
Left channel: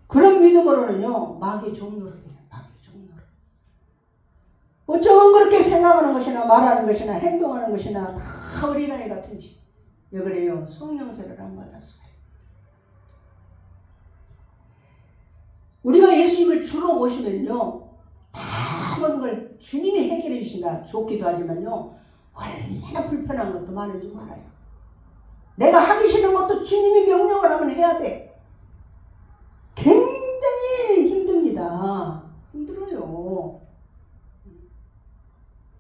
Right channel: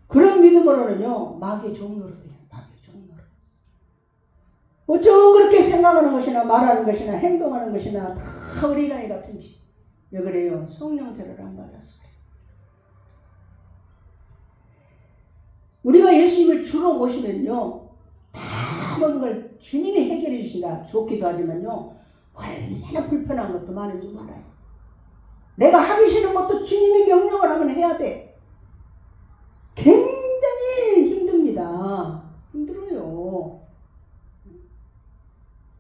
그런 믿음으로는요, 마귀의 종로로 돼요. 마귀의 종로로. 어쩌면 그렇게 생각하는 것이나 말하는 것이나 행동하는 것이나 다 어린아이 같은지. 왜 그래요? 성령 세례를 안 받았어요. 우리가 예수님을 주로 모시면요, 다 모든 걸 주님이 해결해 주신다. 좋기도 하지만요, 얼마나 불편한 것도 많은지 몰라요. 내가 하기 싫은 것도 주님이 명령을 하면 해야 돼. 굉장히 힘듭니다. 힘들어요.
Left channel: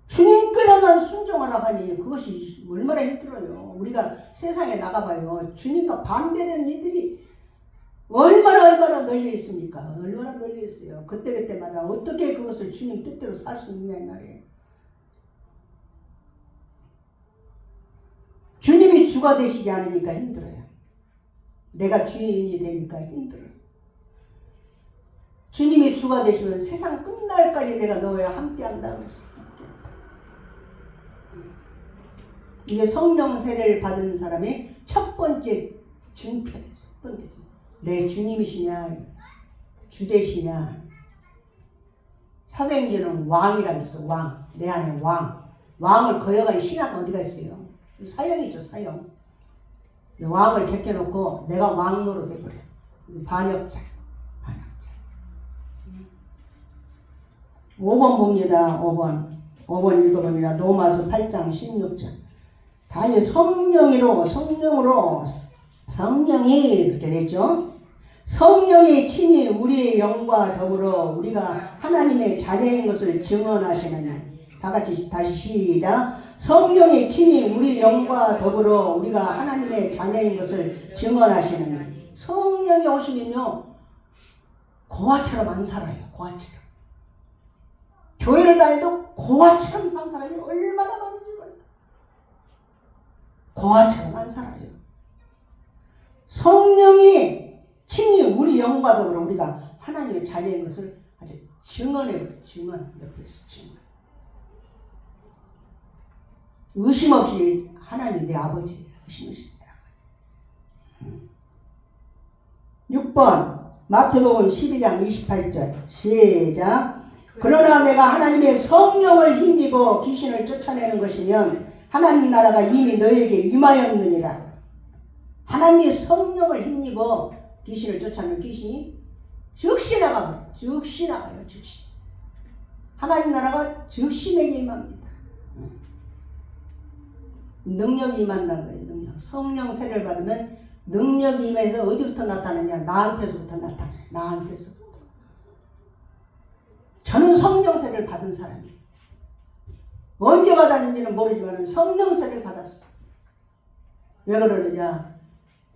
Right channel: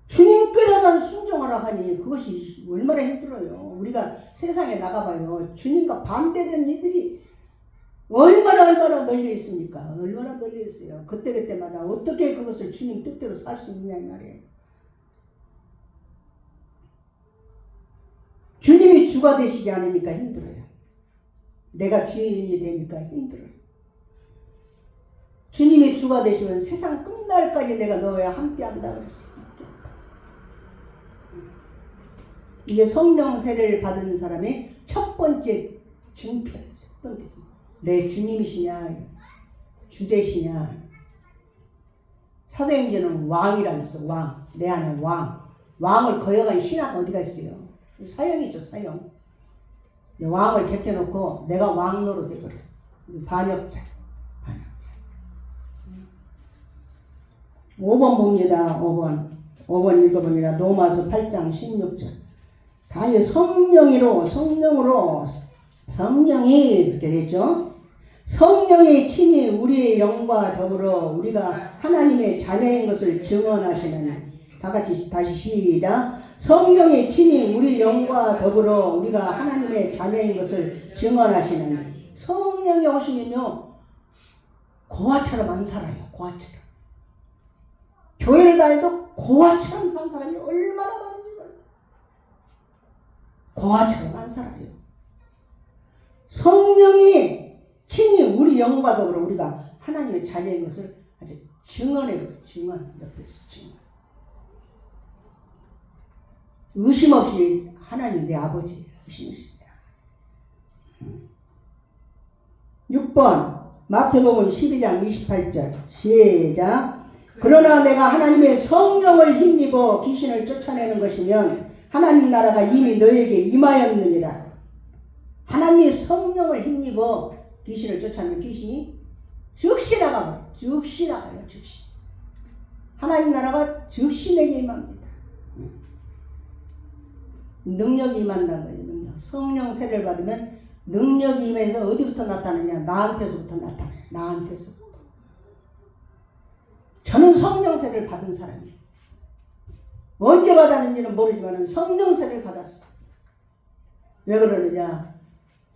주님께만 순종하라고 하니 그것이 얼마나 힘들어요. 우리가 세상에 나가봐요. 주님과 반대되는 이들이 얼마나 널려 있습니까? 얼마나 널려 있어요. 그때마다 어떻게 그것을 주님 뜻대로 살 수 있냐 이 말이에요. 주님이 주가 되시지 않으니까 힘들어요. 내가 주인이 되니까 힘들어요. 주님이 주가 되시면 세상 끝날까지 내가 너와 함께 한다 그랬어요. 이게 성령 세례를 받은 사람의 첫 번째 증표예요. 첫 번째. 내 주님이시냐, 주되시냐. 사도행전은 왕이라면서 왕, 내 안에 왕. 왕을 거역한 신하가 어디가 있어요? 사형이죠, 사형. 왕을 제껴놓고 내가 왕노로 돼버려. 반역자. 5번 봅니다. 5번 읽어봅니다. 로마서 8장 16절. 다 성령이 이렇게 되죠. 성령의 친히 우리의 영과 더불어 우리가 하나님의 자녀인 것을 증언하시느니. 다 같이 다시 시작. 성령의 친히 우리 영과 더불어 우리가 하나님의 자녀인 것을 증언하시느니. 성령이 오시면요, 고아처럼 안 살아요. 고아처럼. 교회를 다녀도 고아처럼 산 사람이 얼마나 많은지 몰라요. 고아처럼 안 살아요. 성령이 친히 우리 영과 더불어 우리가 하나님의 자녀인 것을 아주 증언해요. 증언. 옆에서 증언. 의심 없이 하나님 내 아버지 의심 없습니다. 6번 마태복음 12장 28절 시작. 그러나 내가 하나님의 성령을 힘입어 귀신을 쫓아내는 것이면 하나님 나라가 이미 너에게 임하였느니라. 하나님의 성령을 힘입어 귀신을 쫓아내면 귀신이 즉시 나가요. 즉시. 하나님 나라가 즉시 내게 임합니다. 능력이 임한다는 거예요. 능력. 성령 세례를 받으면 능력이 임해서 어디부터 나타나냐? 나한테서부터 나타나요. 나한테서부터. 저는 성령 세례를 받은 사람이에요. 언제 받았는지는 모르지만 성령 세례를 받았어요. 왜 그러느냐?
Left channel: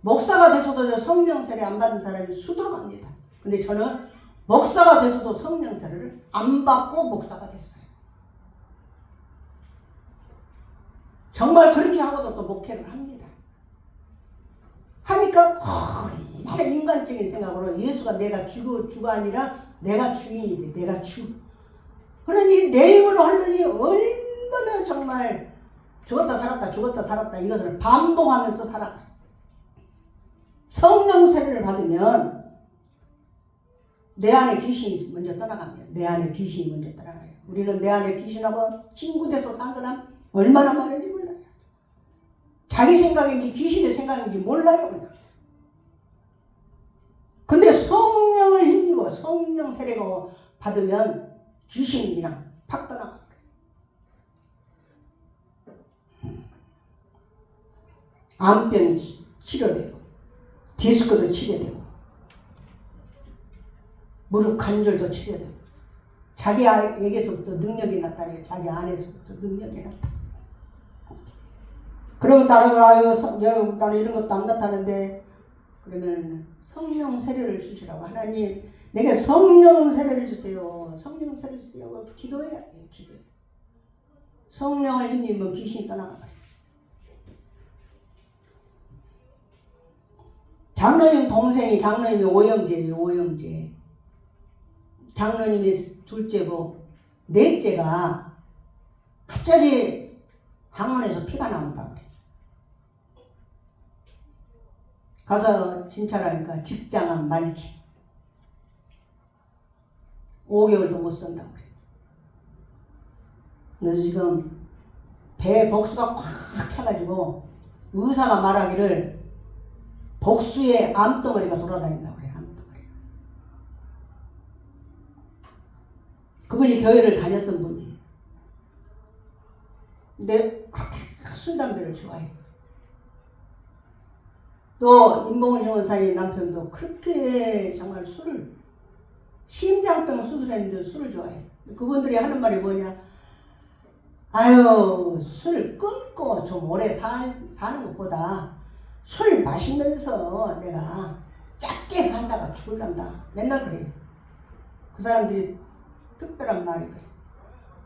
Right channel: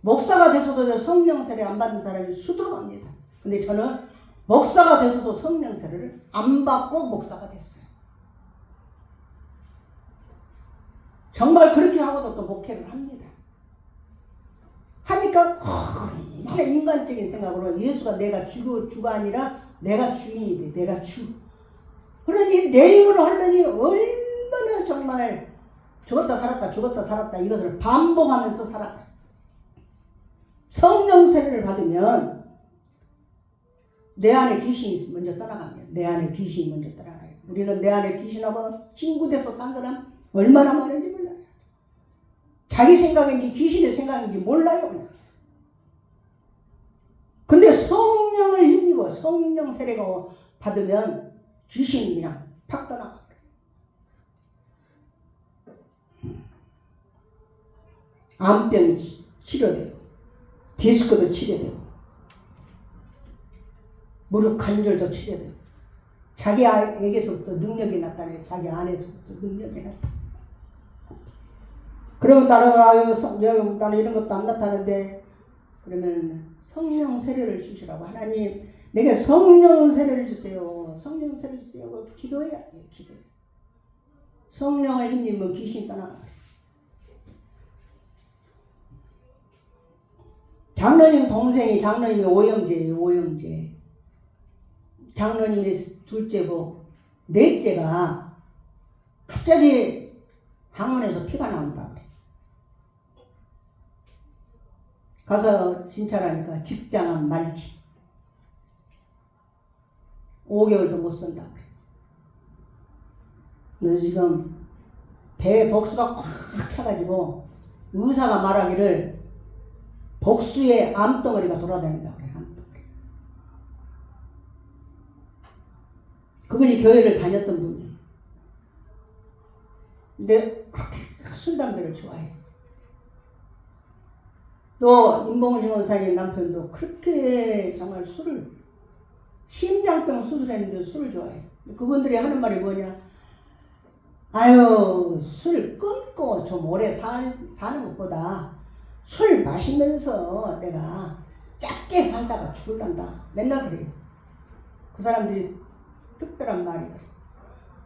목사가 돼서도 성령 세례 안 받은 사람이 수두룩합니다. 근데 저는 목사가 돼서도 성령 세례를 안 받고 목사가 됐어요. 정말 그렇게 하고도 또 목회를 합니다. 하니까 인간적인 생각으로 예수가 내가 주가 아니라 내가 주인이 돼. 내가 주. 그러니 내 힘으로 하려니 얼마나 정말 죽었다 살았다 죽었다 살았다 이것을 반복하면서 살아가요. 성령 세례를 받으면 내 안에 귀신이 먼저 떠나갑니다. 내 안에 귀신이 먼저 떠나가요. 우리는 내 안에 귀신하고 친구돼서 산 사람 얼마나 많은지 몰라요. 자기 생각인지 귀신의 생각인지 몰라요. 근데 성령을 힘입어 성령 세례가 받으면 귀신이 그냥 팍 떠나가. 암병이 치료되고 디스크도 치료되고 무릎 관절도 치료되고 자기 에게서부터 능력이 나타나요. 자기 안에서부터 능력이 나타나요. 그러면 나는 이런 것도 안 나타나는데 그러면 성령 세례를 주시라고. 하나님 내게 성령 세례를 주세요. 성령 세례를 주세요. 기도해야 돼요. 기도해. 성령을 힘입으면 귀신이 떠나가요. 장로님 동생이 장로님이 오영재예요. 오영재. 장로님이 둘째고 넷째가 갑자기 항문에서 피가 나온다 그래. 가서 진찰하니까 직장암 말기. 5개월도 못 산다고 그래. 그래서 지금 배에 복수가 꽉 차가지고 의사가 말하기를 복수의 암덩어리가 돌아다닌다고 그래. 암덩어리. 그분이 교회를 다녔던 분이에요. 근데 그렇게 술 담배를 좋아해. 또 임봉신 원사님 남편도 그렇게 정말 술을 심장병 수술했는데 술을 좋아해. 그분들이 하는 말이 뭐냐? 아유 술 끊고 좀 오래 사는 것보다 술 마시면서 내가 짧게 살다가 죽을란다. 맨날 그래요. 그 사람들이 특별한 말이 그래.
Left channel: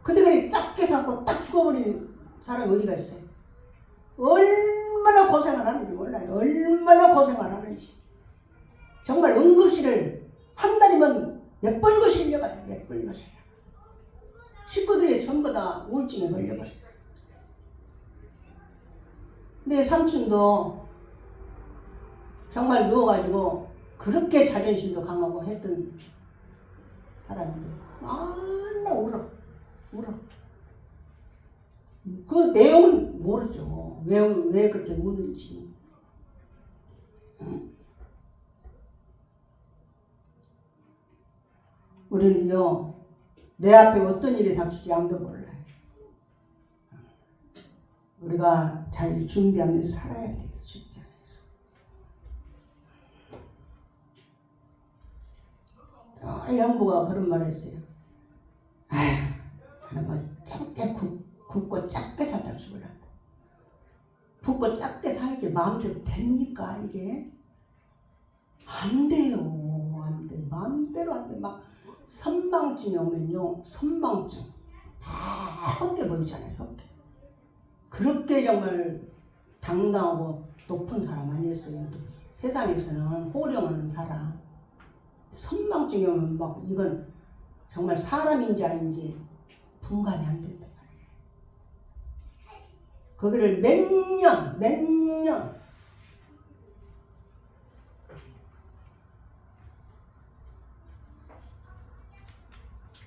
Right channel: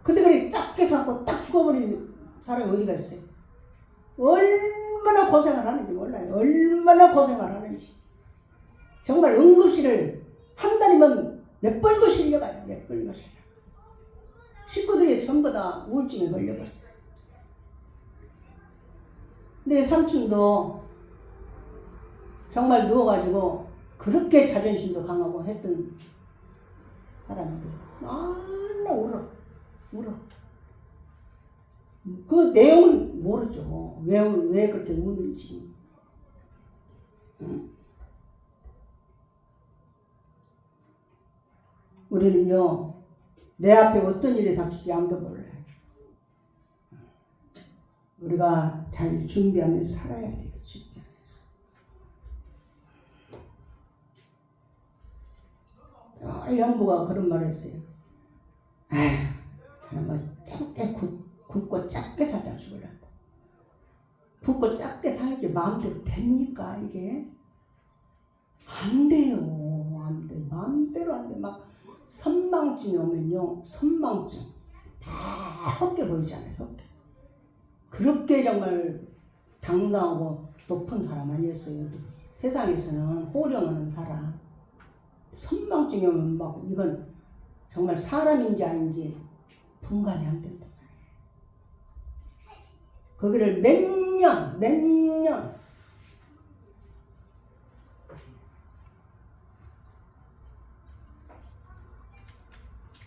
근데 그래 짧게 살고 딱 죽어버리는 사람이 어디가 있어요? 얼마나 고생을 하는지 몰라요. 얼마나 고생을 하는지. 정말 응급실을 한 달이면 몇 번이고 실려가요. 몇 번이고 실려. 식구들이 전부 다 우울증에 걸려버려요. 근데 삼촌도 정말 누워가지고 그렇게 자존심도 강하고 했던 사람인데 맨날 울어. 그 내용은 모르죠. 왜 그렇게 우는지. 우리는요, 내 앞에 어떤 일이 닥칠지 아무도 몰라요. 우리가 잘 준비하면서 살아야 돼요. 준비하면서. 형부가 그런 말을 했어요. 사람은 짧게 굵고 짧게 살다 죽으란다. 굵고 짧게 살게 마음대로 됩니까 이게? 안 돼요. 안 돼. 마음대로 안 돼. 막 선망증이 오면요. 선망증. 헛게 보이잖아요. 헛게. 그렇게 정말 당당하고 높은 사람 아니었어요. 세상에서는 호령하는 사람. 선망증이 오면 막 이건 정말 사람인지 아닌지 분간이 안 된다. 거기를 몇 년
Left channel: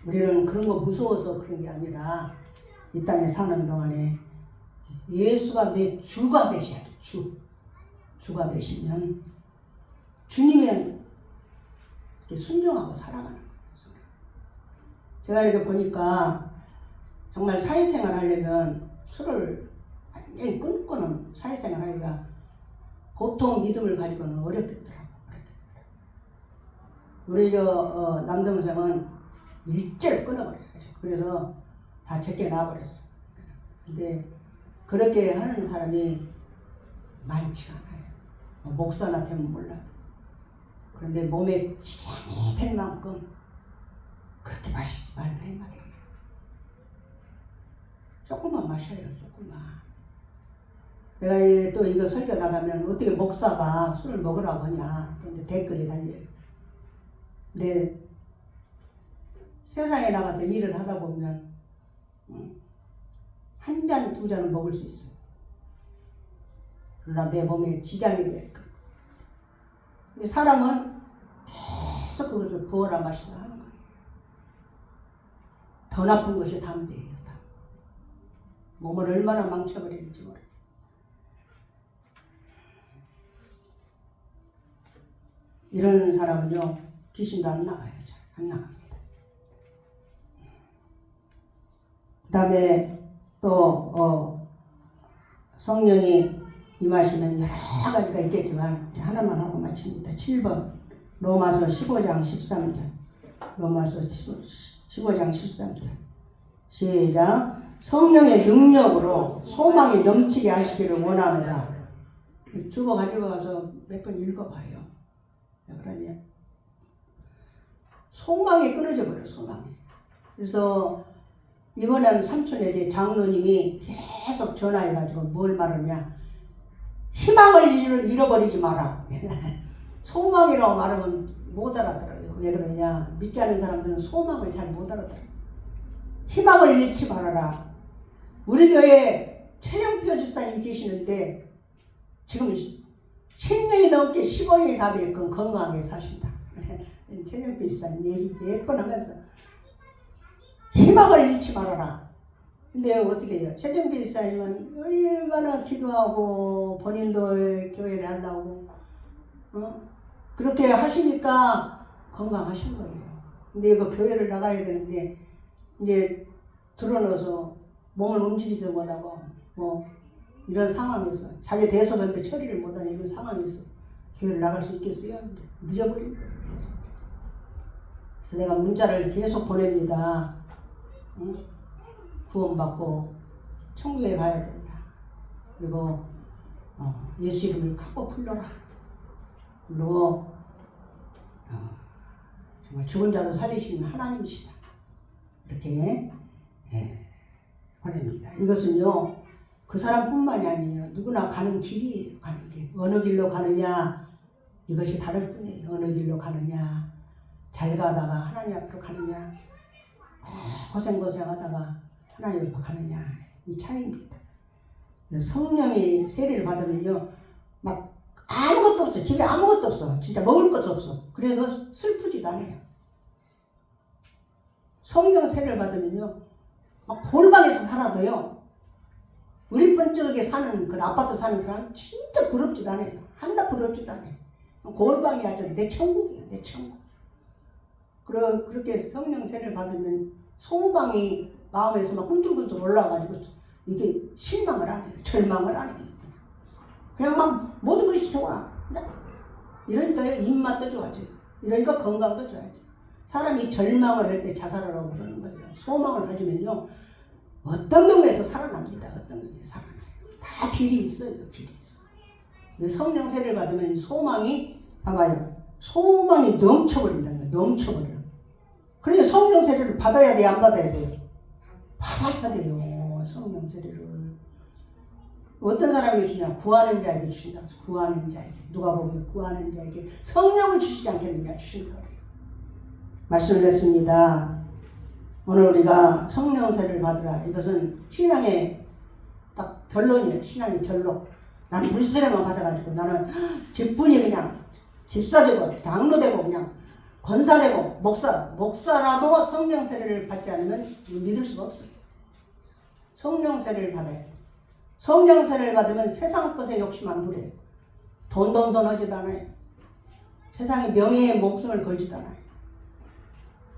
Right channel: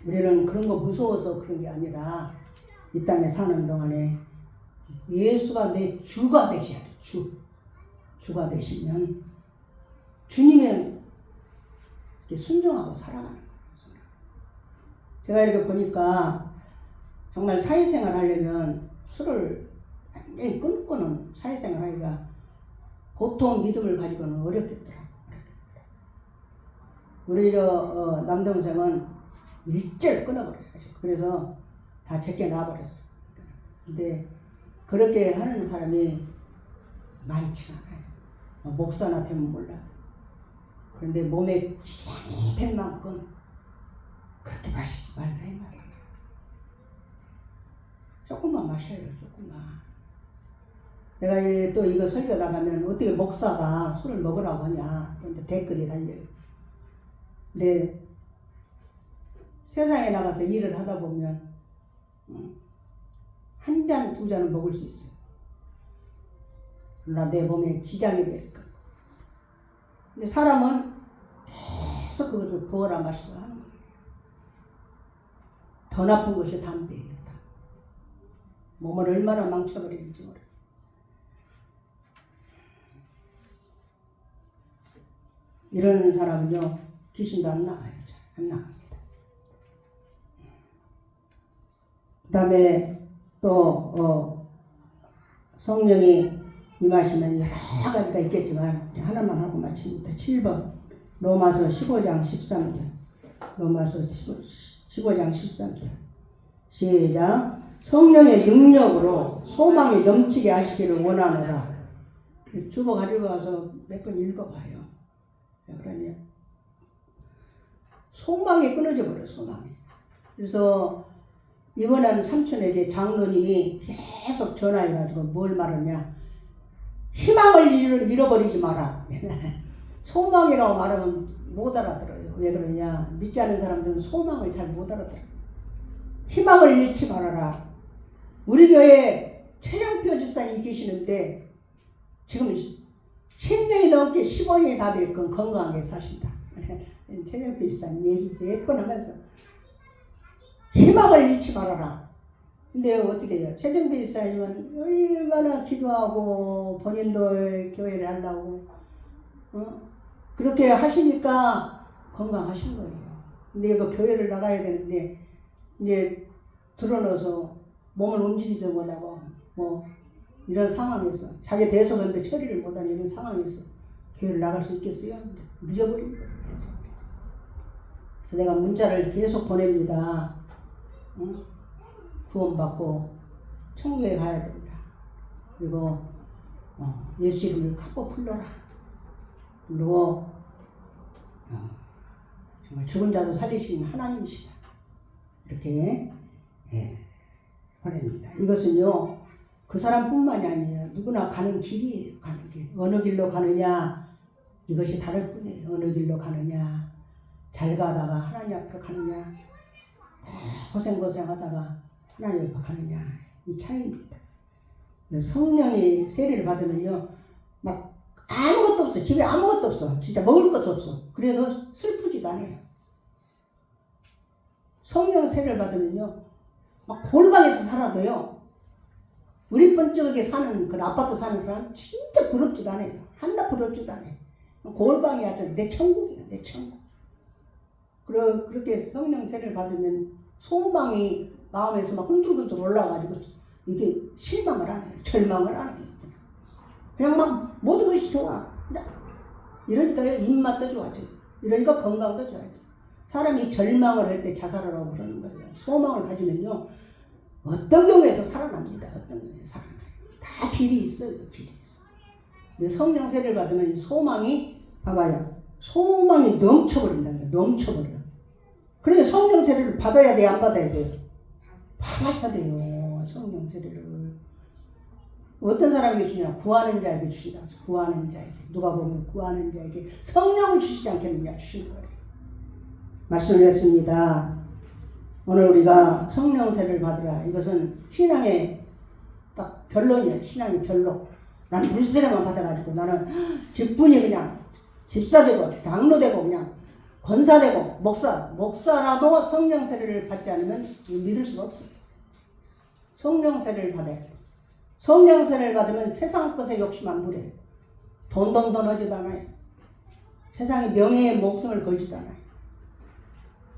우리는 그런 거 무서워서 그런 게 아니라 이 땅에 사는 동안에 예수가 내 주가 되셔야 돼. 주가 되시면 주님의 순종하고 살아가는 거예요. 제가 이렇게 보니까 정말 사회생활 하려면 술을 완전히 끊고는 사회생활 하기가 보통 믿음을 가지고는 어렵겠더라고요. 우리 남동생은 일절 끊어버려요. 그래서 다 제게 놔버렸어. 근데 그렇게 하는 사람이 많지가 않아요. 목사나 되면 몰라도. 그런데 몸에 지장이 될 만큼 그렇게 마시지 말라 이 말이에요. 조금만 마셔요. 조금만. 내가 또 이거 설교 나가면 어떻게 목사가 술을 먹으라고 하냐. 근데 댓글이 달려요. 근데 세상에 나가서 일을 하다 보면 한 잔, 두 잔은 먹을 수 있어. 그러나 내 몸에 지장이 될까. 근데 사람은 계속 그것을 부어라 마시라 하는 거예요. 더 나쁜 것이 담배예요. 몸을 얼마나 망쳐버리는지 몰라요. 이런 사람은요, 귀신도 안 나가요. 잘 안 나갑니다. 그 다음에 또 성령이 임하시는 여러 가지가 있겠지만 하나만 하고 마칩니다. 7번 로마서 15장 13절. 로마서 15장 13절. 시작. 성령의 능력으로 소망이 넘치게 하시기를 원하노라. 주보 가지고 와서 몇 번 읽어봐요. 왜 그러냐? 소망이 끊어져 버려. 소망이. 그래서 이번에는 삼촌에게 장로님이 계속 전화해가지고 뭘 말하냐? 희망을 잃어버리지 마라. 소망이라고 말하면 못 알아들어요. 왜 그러냐? 믿지 않는 사람들은 소망을 잘 못 알아들어요. 희망을 잃지 말아라. 우리 교회에 최영표 집사님 계시는데 지금 10년이 넘게 15년이 다 되었건 건강하게 사신다. 최영표 집사님 얘기 몇 번 하면서 희망을 잃지 말아라. 근데 어떻게 해요? 최영표 집사님은 얼마나 기도하고 본인도 교회를 하려고 그렇게 하시니까 건강하신 거예요. 근데 이거 교회를 나가야 되는데 이제 드러넣어서 몸을 움직이지도 못하고 뭐 이런 상황에서 자기 대소변도 처리를 못하는 이런 상황에서 교회를 나갈 수 있겠어요? 늦어버린 거예요. 그래서 내가 문자를 계속 보냅니다. 구원받고 천국에 가야 된다. 그리고 예수 이름을 갖고 불러라. 불러 정말 죽은 자도 살리시는 하나님이시다. 이렇게 보냅니다. 이것은요 그 사람뿐만이 아니에요. 누구나 가는 길이에요. 가는 길. 어느 길로 가느냐 이것이 다를 뿐이에요. 어느 길로 가느냐 잘 가다가 하나님 앞으로 가느냐 고생하다가 하나님 앞으로 가느냐 이 차이입니다. 성령의 세례를 받으면요 막 아무것도 없어. 집에 아무것도 없어. 진짜 먹을 것도 없어. 그래도 슬프지도 않아요. 성령 세례를 받으면요 막 골방에서 살아도요 우리 번쩍하게 사는 그 아파트 사는 사람 진짜 부럽지도 않아요. 하나 부럽지도 않아요. 골방이 아주 내 천국이에요. 내 천국. 그렇게 성령 세례를 받으면 소망이 마음에서 막 흔들흔들 올라와가지고 이게 실망을 안 해요. 절망을 안 해요. 그냥 막 모든 것이 좋아. 이러니까요 입맛도 좋아져요. 이러니까 건강도 좋아져요. 사람이 절망을 할 때 자살하라고 그러는 거예요. 소망을 가지면요 어떤 경우에도 살아납니다. 어떤 경우에 살아나요. 다 길이 있어요. 길이 있어. 근데 성령 세례를 받으면 소망이 봐봐요. 소망이 넘쳐버린다는 거예요. 넘쳐버려. 그러니까 성령 세례를 받아야 돼요? 안 받아야 돼요? 받아야 돼요. 성령 세례를. 어떤 사람에게 주냐? 구하는 자에게 주신다. 구하는 자에게. 누가 보면 구하는 자에게 성령을 주시지 않겠느냐? 주신다 그랬어요. 말씀을 했습니다. 오늘 우리가 성령 세례를 받으라. 이것은 신앙의 딱 결론이에요. 신앙의 결론. 나는 물세례만 받아가지고 나는 직분이 그냥 집사되고 장로되고 그냥 권사되고 목사라도 성령 세례를 받지 않으면 믿을 수가 없어요. 성령 세례를 받아야 돼요. 성령 세례를 받으면 세상 것에 욕심 안 부려요. 돈 하지도 않아요. 세상에 명예에 목숨을 걸지도 않아요.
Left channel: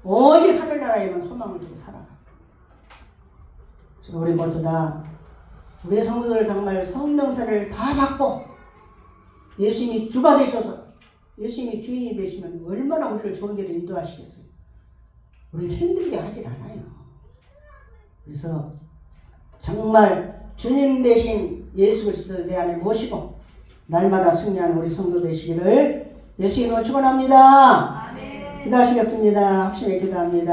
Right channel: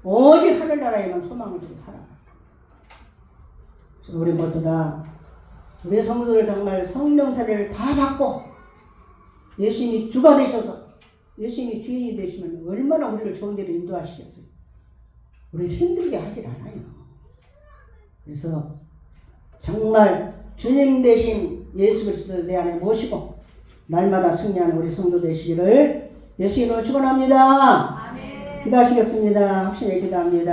오직 하늘나라에만 소망을 두고 살아가요. 우리 모두 다 우리 성도들 정말 성령 세례를 다 받고 예수님이 주가 되셔서 예수님이 주인이 되시면 얼마나 우리를 좋은 데로 인도하시겠어요. 우리를 힘들게 하질 않아요. 그래서 정말 주님 대신 예수 그리스도를 내 안에 모시고 날마다 승리하는 우리 성도 되시기를 예수님으로 축원합니다. 기도하시겠습니다. 확신에 기도합니다.